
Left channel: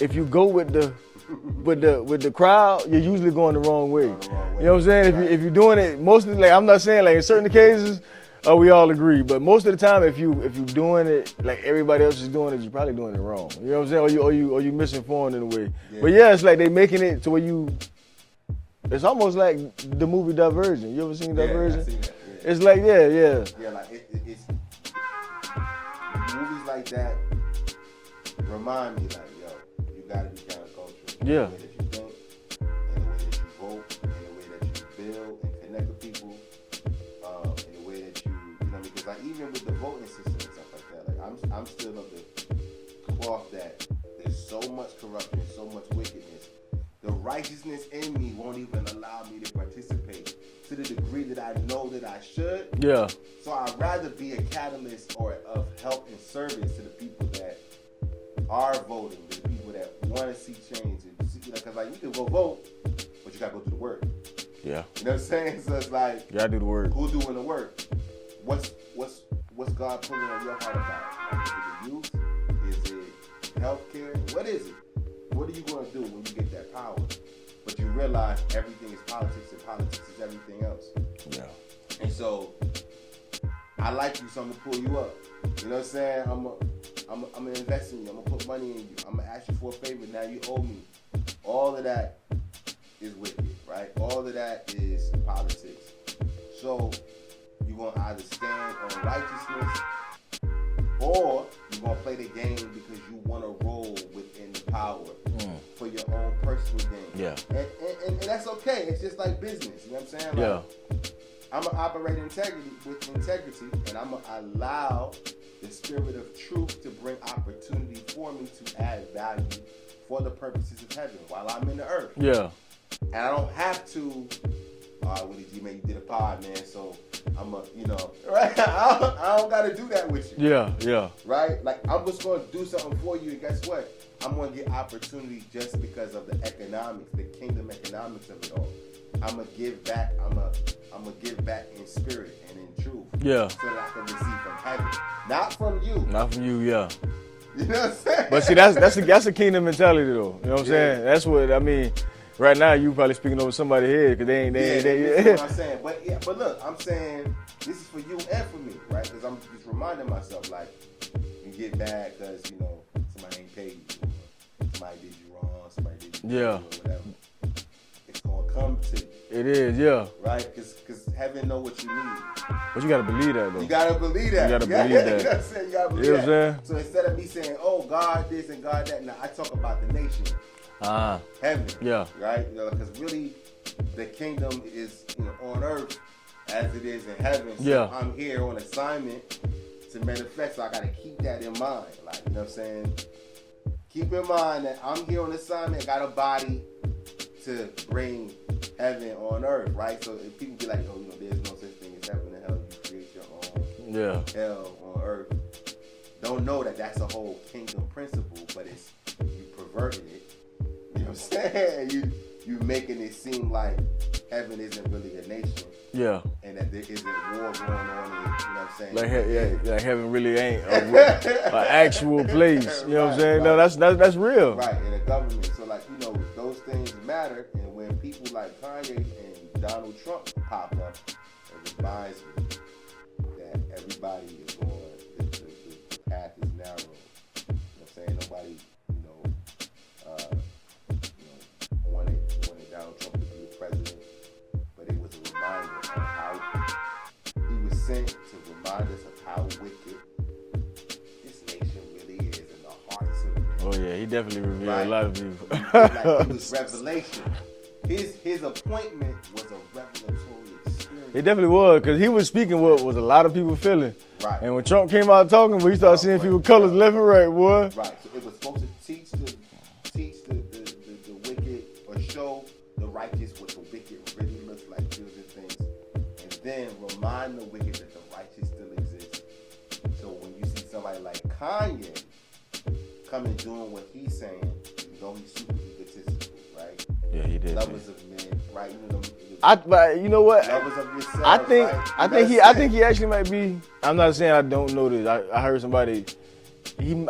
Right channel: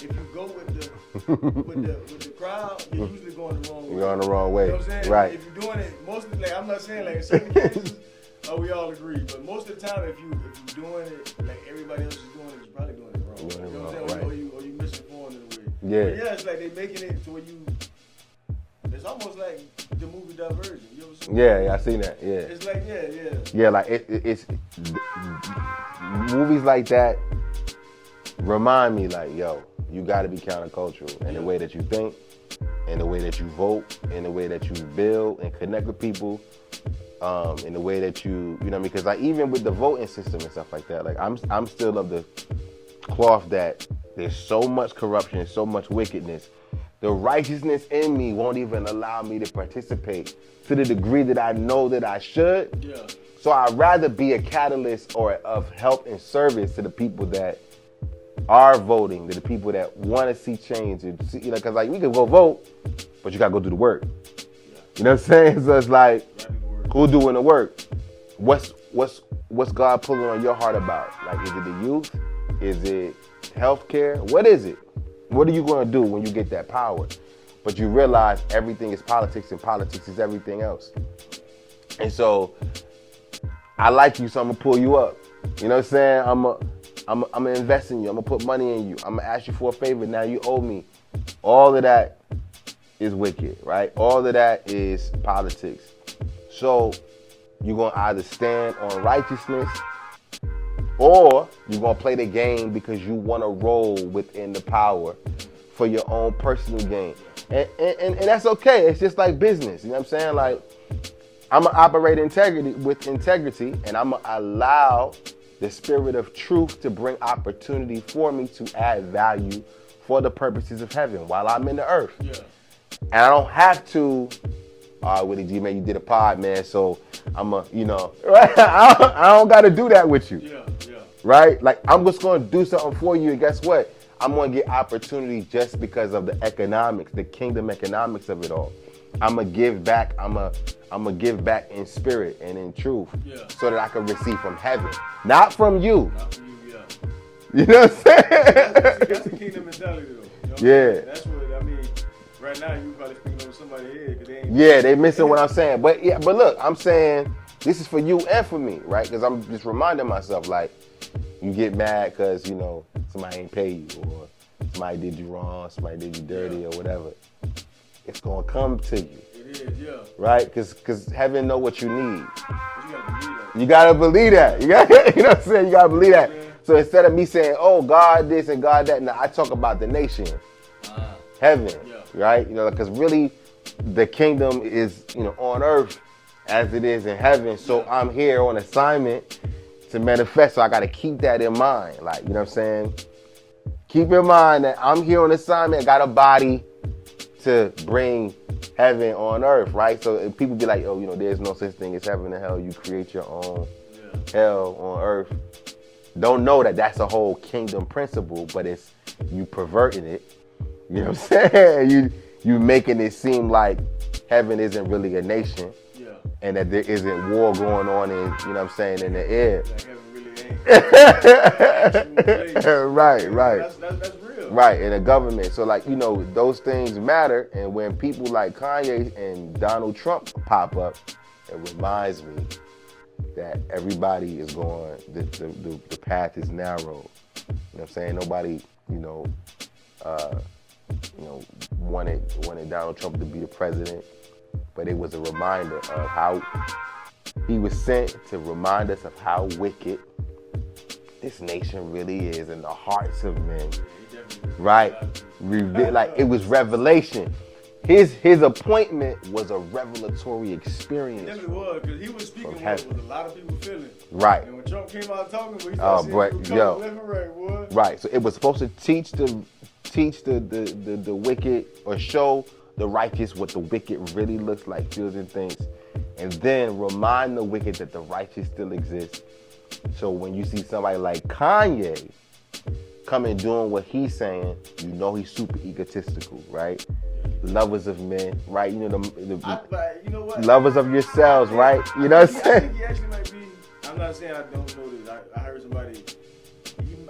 if you go with the with the crowd, you're usually going the wrong way. You're going the wrong way. You know what I'm saying? Right. If you're doing it, mostly, like, I'm not saying like in certain cases. We all agree, but most of the time, if you're doing it like everybody else is doing it, you're probably doing it wrong. You know what I'm saying? Or you misinformed in a way. Yeah. But yeah, it's like they making it to where it's almost like the movie Divergent. You ever seen Divergent? Yeah, I seen that. Yeah. It's like Yeah, like it's movies like that remind me like, yo, you got to be countercultural in the way that you think, in the way that you vote, in the way that you build and connect with people. In the way that you know what I mean? Because like even with the voting system and stuff like that, like I'm still of the cloth that there's so much corruption, so much wickedness. The righteousness in me won't even allow me to participate to the degree that I know that I should. Yeah. So I'd rather be a catalyst or of help and service to the people that are voting, to the people that want to see change. Because like we can go vote, but you gotta go do the work. Yeah. You know what I'm saying? So it's like, you gotta do the work. Who doing the work? What's God pulling on your heart about? Like, is it the youth? Is it healthcare? What is it? What are you gonna do when you get that power? But you realize everything is politics and politics is everything else. Yeah. And so I like you, so I'm gonna pull you up. You know what I'm saying? I'm gonna invest in you. I'm gonna put money in you. I'm gonna ask you for a favor. Now you owe me. All of that is wicked, right? All of that is politics. So you're going to either stand on righteousness or you're going to play the game because you want to roll within the power for your own personal gain. Yeah. And that's okay. It's just like business. You know what I'm saying? Like, I'm going to operate with integrity, and I'm going to allow the spirit of truth to bring opportunity for me to add value for the purposes of heaven while I'm in the earth. Yeah. And I don't have to, Willie G, man, you did a pod, man, so I'm right? I don't got to do that with you. Yeah. Right? Like, I'm just going to do something for you, and guess what? I'm going to get opportunity just because of the economics, the kingdom economics of it all. I'm going to give back. I'm going to give back in spirit and in truth. Yeah. So that I can receive from heaven. Not from you. Not from you, yeah. You know what I'm saying? But see, that's a kingdom mentality, though. You know what I'm saying? That's what, I mean, right now you probably speaking over somebody's head because they ain't. They missing what I'm saying. But look, I'm saying this is for you and for me, right? Because I'm just reminding myself, like, you get mad because, somebody ain't pay you or somebody did you wrong, somebody did you dirty or whatever. It's going to come to you. It is, yeah. Right? Because heaven know what you need. But you got to believe that, though. You got to believe that. You know what I'm saying? You got to believe that. So instead of me saying, oh, God this and God that, now I talk about the nation. Heaven. Yeah. Right? Because really the kingdom is, on earth as it is in heaven. So I'm here on assignment to manifest. So I got to keep that in mind. Like, you know what I'm saying? Keep in mind that I'm here on assignment. I got a body to bring heaven on earth, right? So if people be like, oh, there's no such thing as heaven and hell. You create your own hell on earth. Don't know that that's a whole kingdom principle, but it's you perverting it. You know what I'm saying? You making it seem like heaven isn't really a nation. Yeah. And that there isn't war going on in, in the air. Like heaven really ain't an actual place. Right. No, that's real. Right, in the government. So those things matter. And when people like Kanye and Donald Trump pop up, it reminds me that everybody is going, the path is narrow. You know what I'm saying? Nobody, wanted Donald Trump to be the president, but it was a reminder of how he was sent to remind us of how wicked this nation really is in the hearts of men. Oh yeah, he definitely revealed a lot of people. Like it was revelation. His appointment was a revelatory experience. It definitely was, because he was speaking what was a lot of people feeling. Right. And when Trump came out talking, we started seeing people colors left and right, boy. Right. So it was supposed to teach the wicked, or show the righteous what the wicked really looks like, feels and thinks, and then remind the wicked that the righteous still exists. So when you see somebody like Kanye come and doing what he's saying, he's super egotistical, right? Yeah, he did. Lovers of men, right? You know what? Lovers of yourselves, right? I think he actually might be. I'm not saying I don't know this. I heard somebody. He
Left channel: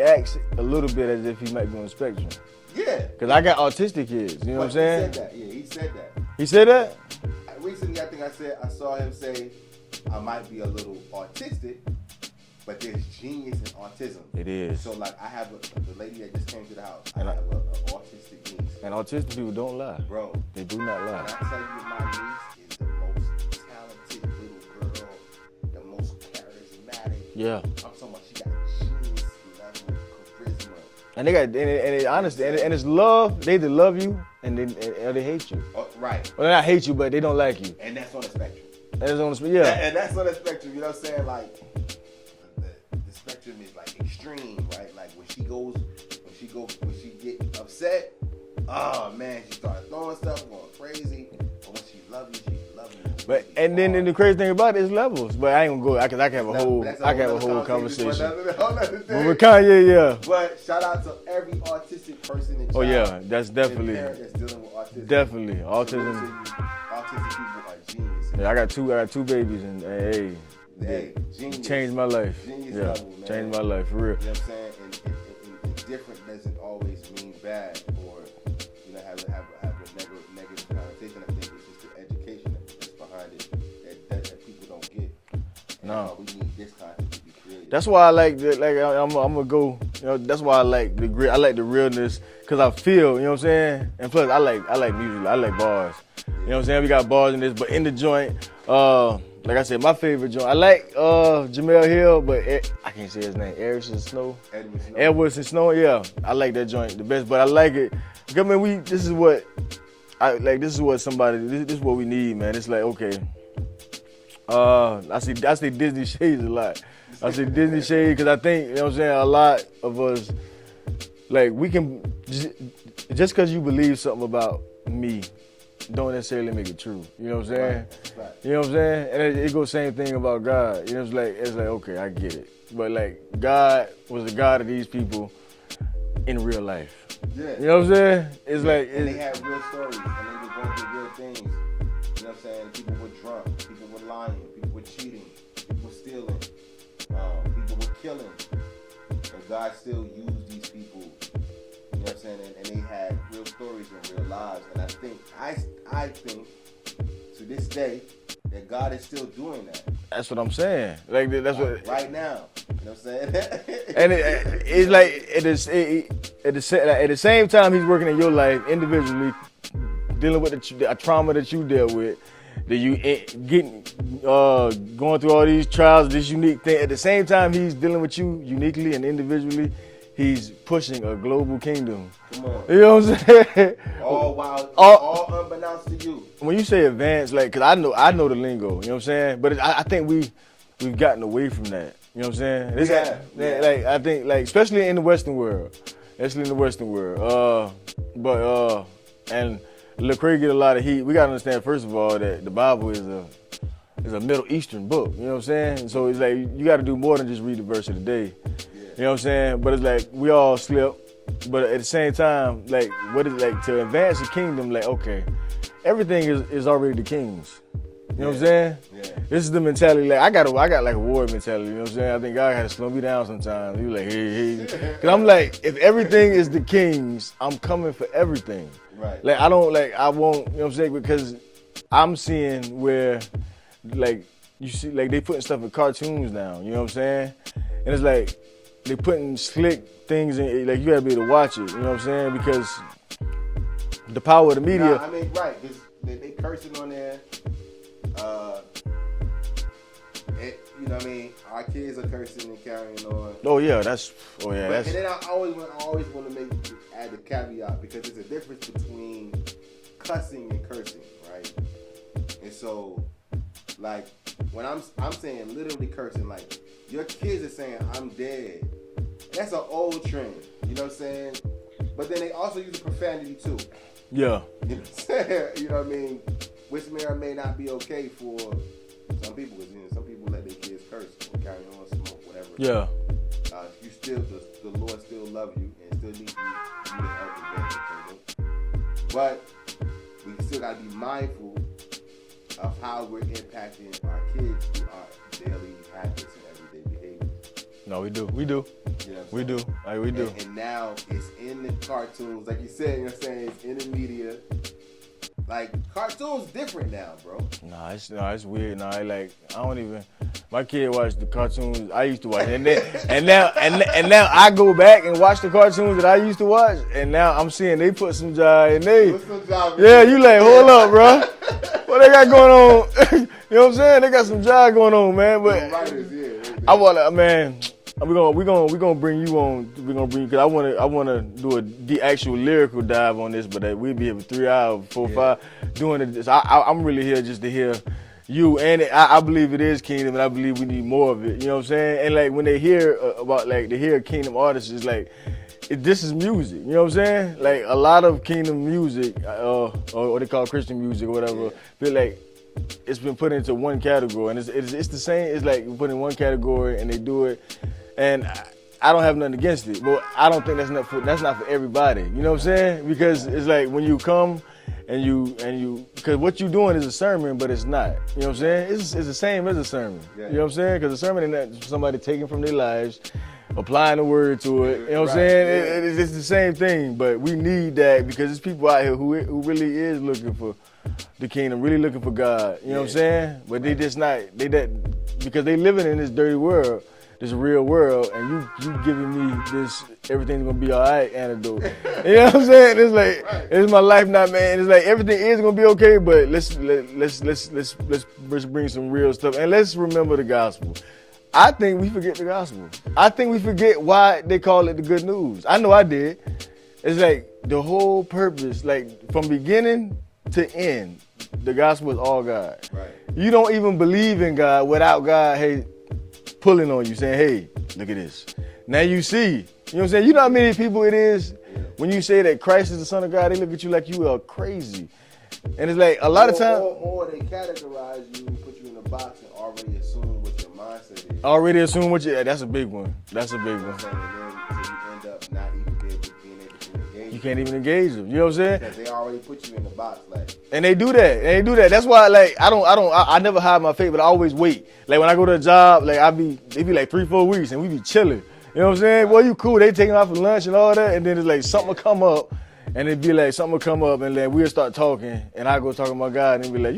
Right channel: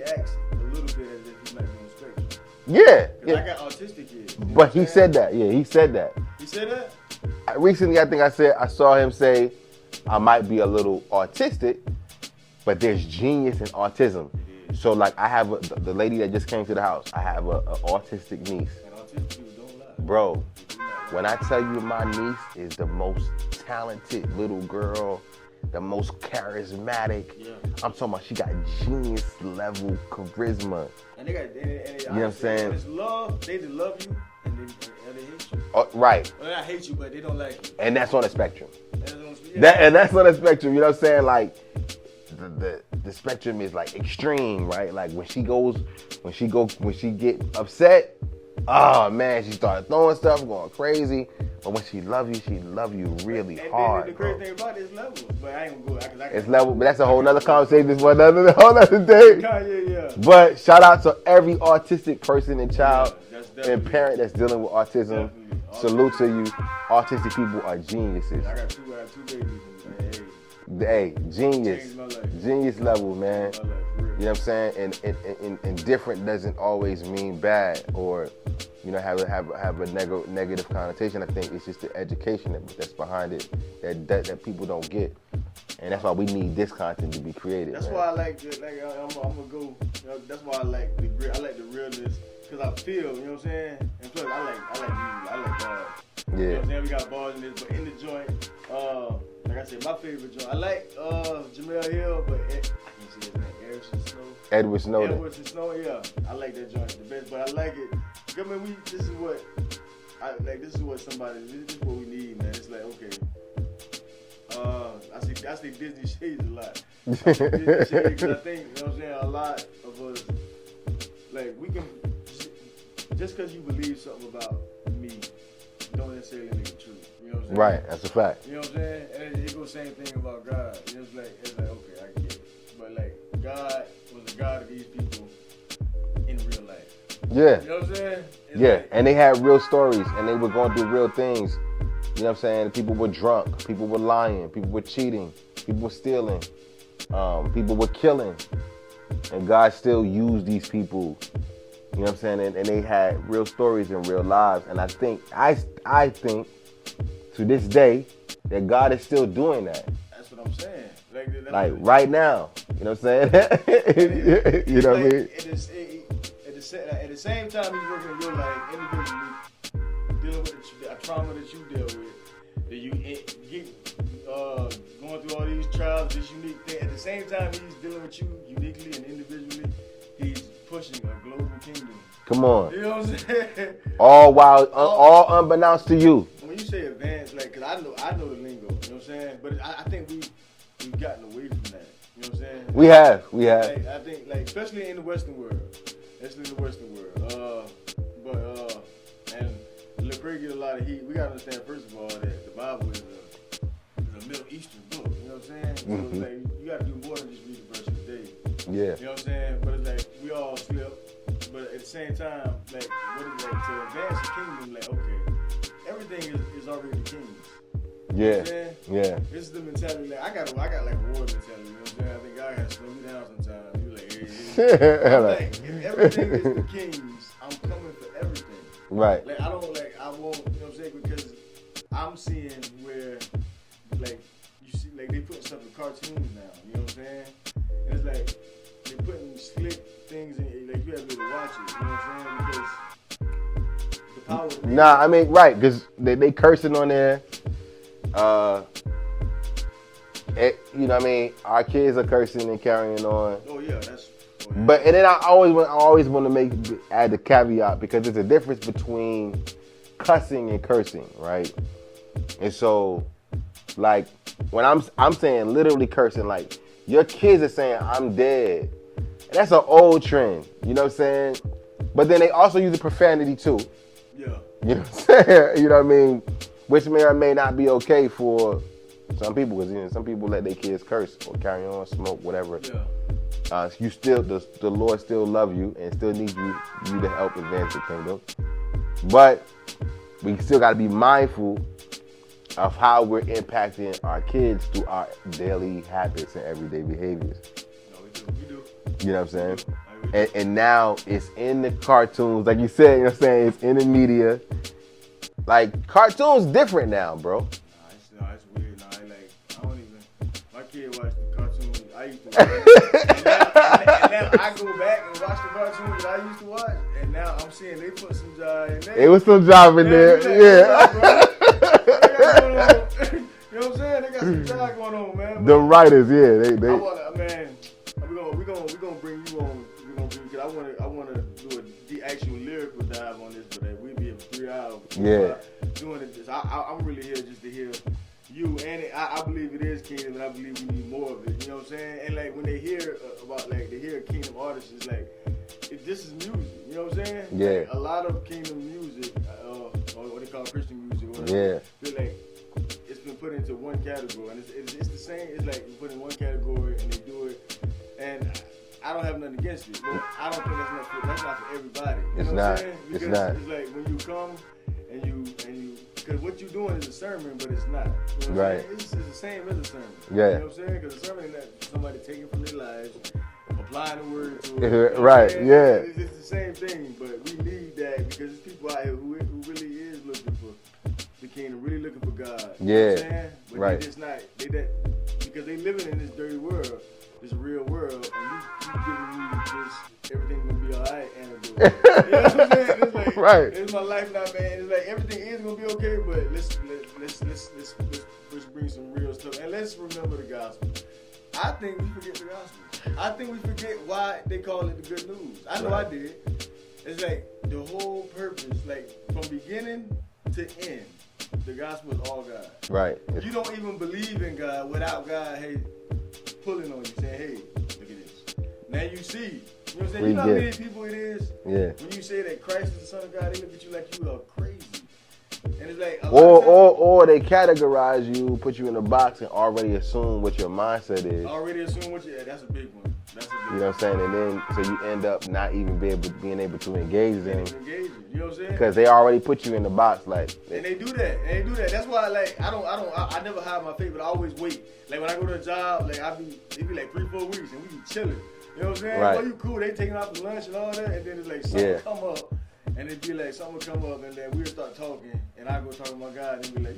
acts a little bit as if he might be on the spectrum. Yeah. Because I got autistic kids. You know but he said that. Yeah, he said that. He said that? Recently, I think I saw him say, I might be a little autistic, but there's genius in autism. It is. So like I have the lady that just came to the house, I have a autistic niece. And autistic people don't lie. Bro. They do not lie. When I tell you my niece is the most talented little girl, the most charismatic. Yeah. I'm talking about she got genius level charisma. And they got, and honestly, and it's love. They either love you and they hate you. Right. Well, they not hate you, but they don't like you. And that's on the spectrum. That's on the spectrum. Yeah. And that's on the spectrum. You know what I'm saying? Like the spectrum is like extreme, right? Like when she get upset, oh man, she started throwing stuff, going crazy. But when she love you really and hard. then the crazy thing about it is levels. But I ain't gonna go, because I can't. But that's a whole other conversation for another day. With Kanye, yeah. But shout out to every autistic person and child. Yeah, that's definitely. And parent that's dealing with autism. Definitely. Salute to you. Autistic people are geniuses. Yeah, I got two babies, and hey, genius. Changed my life. Genius level, man. Changed my life, for real. You know what I'm saying? And different doesn't always mean bad or, have a negative connotation. I think it's just the education that's behind it that people don't get. And that's why we need this content to be created. That's why I like the, I'm gonna go. That's why I like the grit. I like the realness because I feel. You know what I'm saying? And plus, I like music. I like bars. Yeah. You know what I'm saying? We got bars in this, but in the joint, like I said, my favorite joint. I like Jamel Hill, but I can't say his name. Edwardson Snow. Edwardson Snow. Yeah, I like that joint the best. But I like it. I mean, this is what I like. This is what somebody. This is what we need, man. It's like okay. I see Disney shades a lot. I see Disney shades because I think, you know what I'm saying, a lot of us, like we can, just because you believe something about me, don't necessarily make it true. You know what I'm saying? Right, that's a fact. You know what I'm saying? And it goes same thing about God. You know, it's like okay, I get it. But like God was the God of these people in real life. Yeah. You know what I'm saying? It's like, and they had real stories and they were going through real things. You know what I'm saying? People were drunk, people were lying, people were cheating, people were stealing, people were killing. And God still used these people, you know what I'm saying? And they had real stories and real lives. And I think to this day that God is still doing that. That's what I'm saying. Like that's like what right now. You know what I'm saying? And it's like at the same time he's working in your life individually, dealing with the trauma that you dealt with, that you going through all these trials, this unique thing. At the same time he's dealing with you uniquely and individually, he's pushing a global kingdom. Come on. You know what I'm saying? All unbeknownst to you. When you say advanced, like, cause I know the lingo, you know what I'm saying? But I think we've gotten away from that. You know what I'm saying? We have. Like, I think, like, especially in the Western world. And Lil Craig get a lot of heat. We gotta understand, first of all, that the Bible is a Middle Eastern book. You know what I'm saying? So it's like you gotta do more than just read the verse of the day. Yeah. You know what I'm saying? But it's like we all slip. But at the same time, like, what is like to advance the kingdom? Like, okay, everything is already the king's. You know what I'm saying? Yeah. This is the mentality. Like I got like a war mentality. You know what I'm saying? I think God had to slow me down sometimes. He was like, hey. And I'm like, if everything is the king's, I'm coming for everything. Right. Like I won't. You know what I'm saying? Because I'm seeing where, like, you see, like they putting stuff in cartoons now. You know what I'm saying? And it's like they putting slick things in. Like you gotta be able to watch it. You know what I'm saying? Because the power of the media. Nah, I mean, right? Because they cursing on there. You know what I mean? Our kids are cursing and carrying on. Oh yeah. But and then I always want to add the caveat, because there's a difference between cussing and cursing, right? And so, like, when I'm saying literally cursing, like your kids are saying I'm dead. And that's an old trend. You know what I'm saying? But then they also use the profanity too. Yeah. You know what I'm saying? You know what I mean? Which may or may not be okay for some people, because some people let their kids curse or carry on, smoke, whatever. Yeah. You still, the Lord still love you and still needs you to help advance the kingdom. But we still got to be mindful of how we're impacting our kids through our daily habits and everyday behaviors. No, we do. You know what I'm saying? We do. We do. And now it's in the cartoons, like you said. You know what I'm saying? It's in the media. Like, cartoons different now, bro. It's weird. I don't even. My kid watched the cartoons I used to watch, and now I go back and watch the cartoons that I used to watch, and now I'm seeing they put some jive in there. It was some jive in there. Yeah, you like, hold up, bro. What they got going on? You know what I'm saying? They got some jive going on, man. But the writers, yeah. They I wanna, man. We're gonna bring you on. We're gonna bring, because I wanna do the actual lyrical dive on this, but we'll be here for 3 hours, 4, 5 doing it. So I'm really here just to hear you, and I believe it is kingdom, and I believe we need more of it. You know what I'm saying? And like when they hear about, like, they hear kingdom artists, it's like this is music. You know what I'm saying? Yeah. Like a lot of kingdom music, or what they call Christian music or whatever. Feel like it's been put into one category, and it's the same. It's like you put in one category and they do it. And I don't have nothing against it, but I don't think that's not for everybody. You know what I'm saying? Because it's like when you come and you, because what you're doing is a sermon, but it's not. You know what I'm saying? It's the same as a sermon. Yeah. You know what I'm saying? Because a sermon is not somebody taking from their lives, applying the word to it. You know what Right. I'm saying? Yeah. It's the same thing, but we need that because there's people out here who really is looking for the kingdom, really looking for God. You know what I'm saying? But they just not, because they living in this dirty world, this real world, and you giving me this everything's gonna be all right antidote. You know what I'm saying? It's like, it's my life now, man. It's like everything is gonna be okay, but let's bring some real stuff, and let's remember the gospel. I think we forget the gospel. I think we forget why they call it the good news. I know I did. It's like the whole purpose, like from beginning to end, the gospel is all God. Right. You don't even believe in God without God, hey, pulling on you, saying, hey, look at this. Now you see. You know what I'm saying? You know how many people it is? Yeah. When you say that Christ is the Son of God, they look at you like you are crazy. And it's like a lot of times. Or they categorize you, put you in a box, and already assume what your mindset is. Already assume what you. That's a big one. That's a big one. You know what I'm saying? And then so you end up not even being able to engage. You can't even engage them. You know what I'm saying? Because they already put you in the box, like. And they do that. That's why, like, I never hide my faith, but I always wait. Like when I go to a job, like it be like 3-4 weeks, and we be chilling. You know what I'm saying? Right. Boy, you cool. They taking off for lunch and all that, and then it's like something will come up. And it'd be like, something will come up, and then we'll start talking, and I go talking to my God, and he'd be like,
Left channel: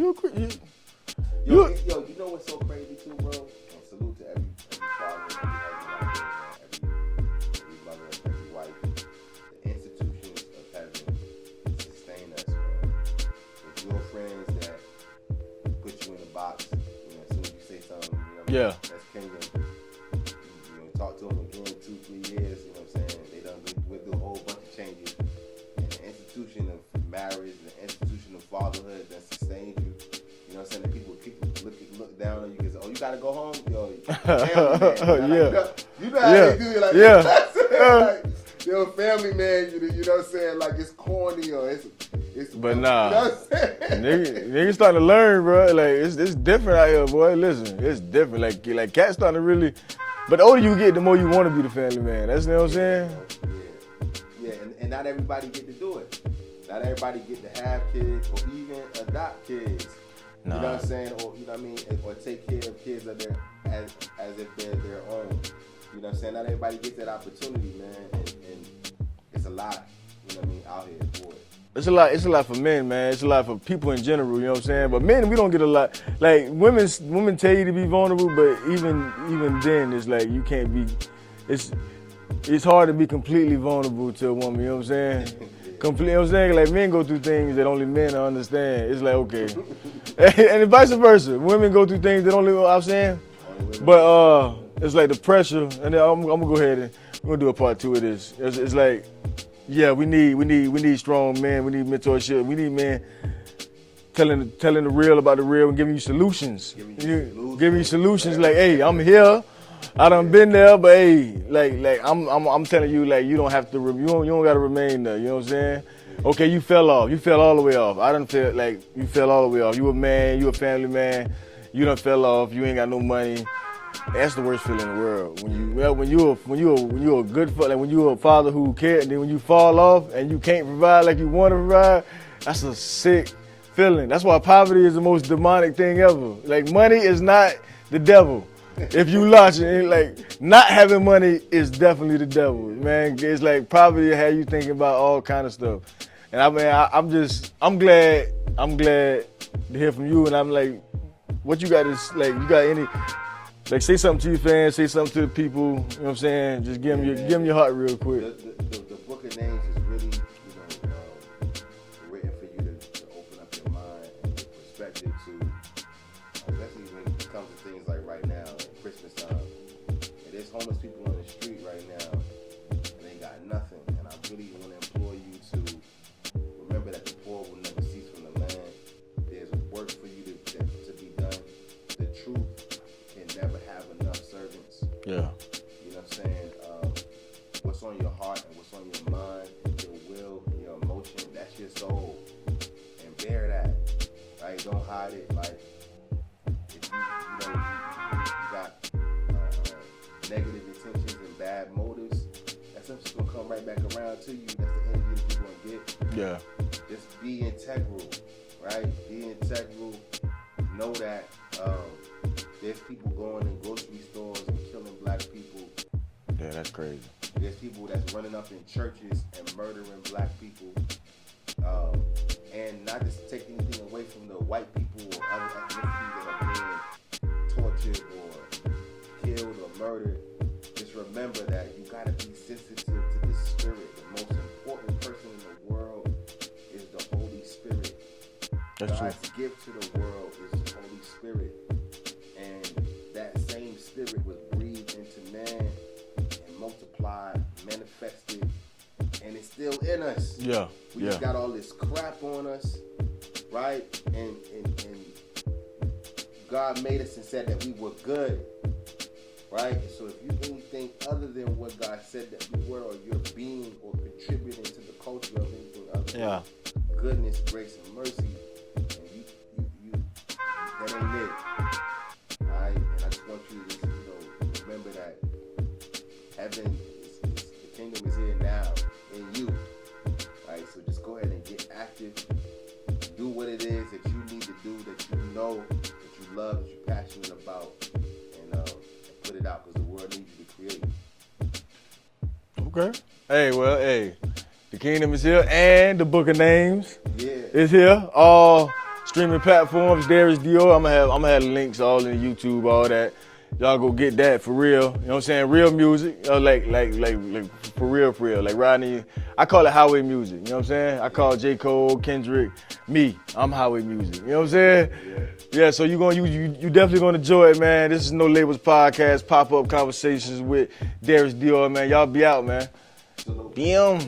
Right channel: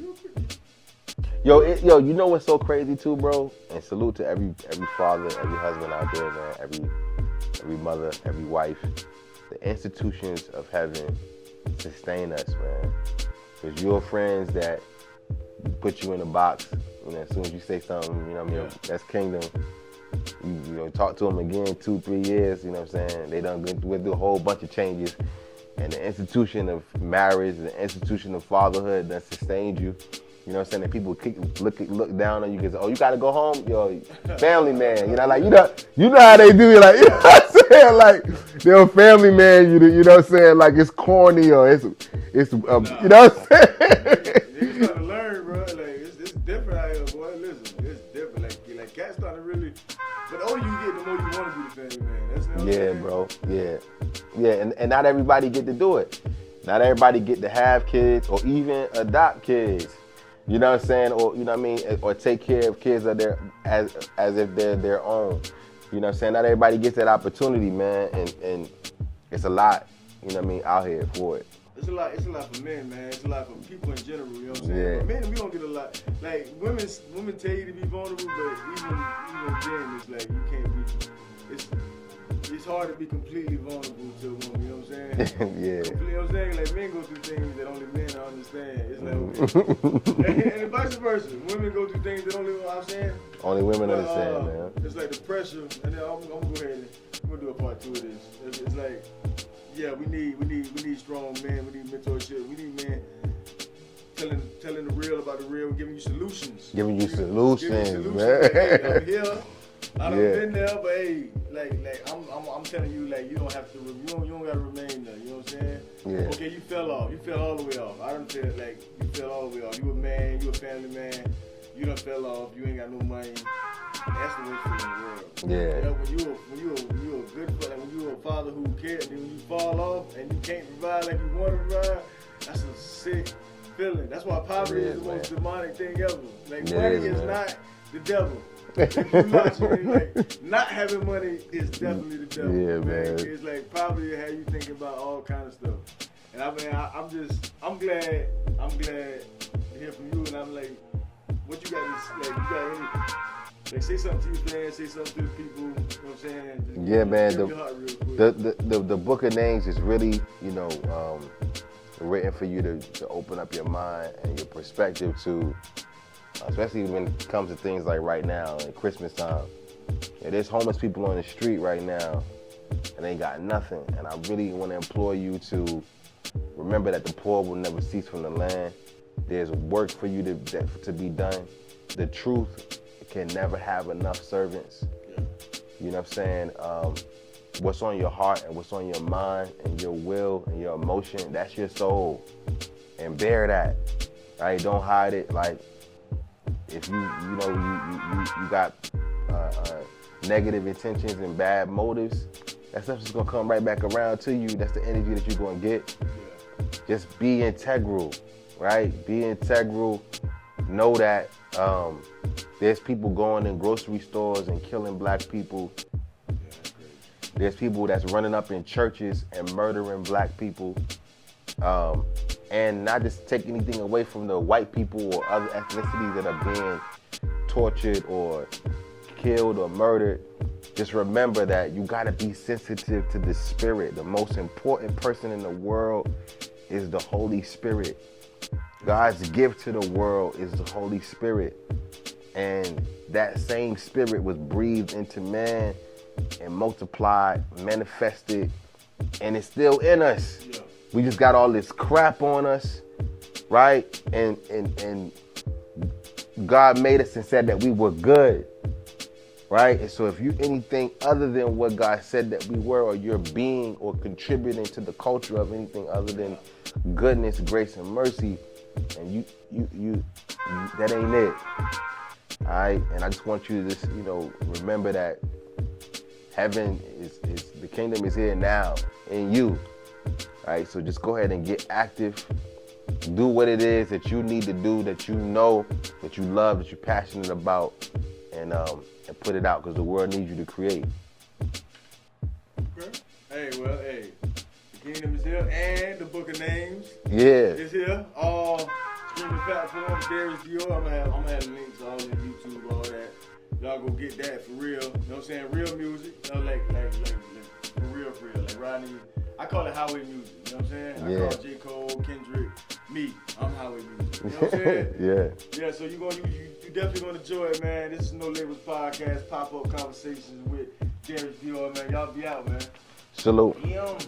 Yo, you know what's so crazy too, bro? And salute to every father, every husband out there, man, every mother, every wife. The institutions of heaven sustain us, man. Because your friends that put you in a box, you know, as soon as you say something, you know what I mean? That's kingdom. You know, talk to them again 2-3 years, you know what I'm saying? They done went through a whole bunch of changes. And the institution of marriage, the institution of fatherhood that sustained you. You know what I'm saying? And people look down on you because, oh, you got to go home? Yo, family man. You know, like, you know how they do. You're like, you know what I'm saying? Like, they're a family man. You know what I'm saying? Like, it's corny or it's you know what I'm saying? Niggas starting to learn, bro. Like, it's different out here, boy. Listen, it's different. Like cats starting to really. But the older you get, the more you want to be the family man. That's what I'm saying? Bro. Yeah, and not everybody get to do it. Not everybody get to have kids or even adopt kids. You know what I'm saying? Or, you know what I mean? Or take care of kids of as if they're their own. You know what I'm saying? Not everybody gets that opportunity, man. And it's a lot, you know what I mean, out here for it. It's a lot for men, man. It's a lot for people in general, you know what I'm saying? Yeah. But men, we don't get a lot. Like, women tell you to be vulnerable, but even then, it's like you can't be, it's hard to be completely vulnerable to a woman, you know what I'm saying? You know what I'm saying? Like, men go through things that only men understand. It's like, okay. And vice versa. Women go through things that only, you know what I'm saying? Only women understand. But it's like the pressure, and then I'm going to go ahead and we're going to do a part 2 of this. It's like, yeah, we need strong men. We need mentorship. We need men telling the real about the real and giving you solutions. Giving you solutions. Like, hey, I'm here. I done been there, but hey, like I'm telling you, like, you don't have to. You don't gotta remain there. You know what I'm saying? Yeah. Okay, you fell off. You fell all the way off. I done feel like you fell all the way off. You a man. You a family man. You done fell off. You ain't got no money. That's the worst feeling in the world. When you're a good father, like when you're a father who cares, and then when you fall off and you can't provide like you want to provide, that's a sick feeling. That's why poverty is the most demonic thing ever. Like, money is not the devil. If you launch it, like, not having money is definitely the devil, man. It's like poverty have you thinking about all kind of stuff. And I mean, I'm glad to hear from you. And I'm like, what you got is like, you got any? Like, say something to your fans, say something to the people, you know what I'm saying? Just give them your heart real quick. The book of names is really, you know, written for you to open up your mind and your perspective to, especially when it comes to things like right now, at Christmas time. Yeah, there's homeless people on the street right now, and they got nothing. And I really want to implore you to remember that the poor will never cease from the land. There's work for you to be done. The truth can never have enough servants. Yeah. You know what I'm saying? What's on your heart and what's on your mind and your will and your emotion, that's your soul. And bear that. Right? Don't hide it. Like, if you got negative intentions and bad motives, that stuff's just gonna come right back around to you. That's the energy that you're gonna get. Yeah. Just be integral, right? Be integral. Know that there's people going in grocery stores and killing black people. Yeah, that's crazy. There's people that's running up in churches and murdering black people. And not just take anything away from the white people or other ethnicities that are being tortured or killed or murdered. Just remember that you gotta be sensitive to the spirit. The most important person in the world is the Holy Spirit. God's gift to the world is the Holy Spirit. And that same spirit was breathed into man and multiplied, manifested, and it's still in us. Yeah. We just got all this crap on us, right? And God made us and said that we were good, right? And so if you anything other than what God said that we were, or you're being or contributing to the culture of anything other than goodness, grace, and mercy, and you that ain't it. All right, and I just want you to just, remember that heaven is the kingdom is here now in you. All right, so just go ahead and get active. Do what it is that you need to do, that you know, that you love, that you're passionate about, and put it out, because the world needs you to create. Okay. Hey, the kingdom is here, and the book of names is here. All streaming platforms. Darius, Dior. I'm gonna have links all in YouTube, all that. Y'all go get that for real. You know what I'm saying? Real music, like for real. Like Rodney, I call it highway music. You know what I'm saying? I call J. Cole, Kendrick, me. I'm highway music. You know what I'm saying? Yeah. So you definitely gonna enjoy it, man. This is No Labels Podcast, pop-up conversations with Darius Dior, man. Y'all be out, man. Salute. Damn.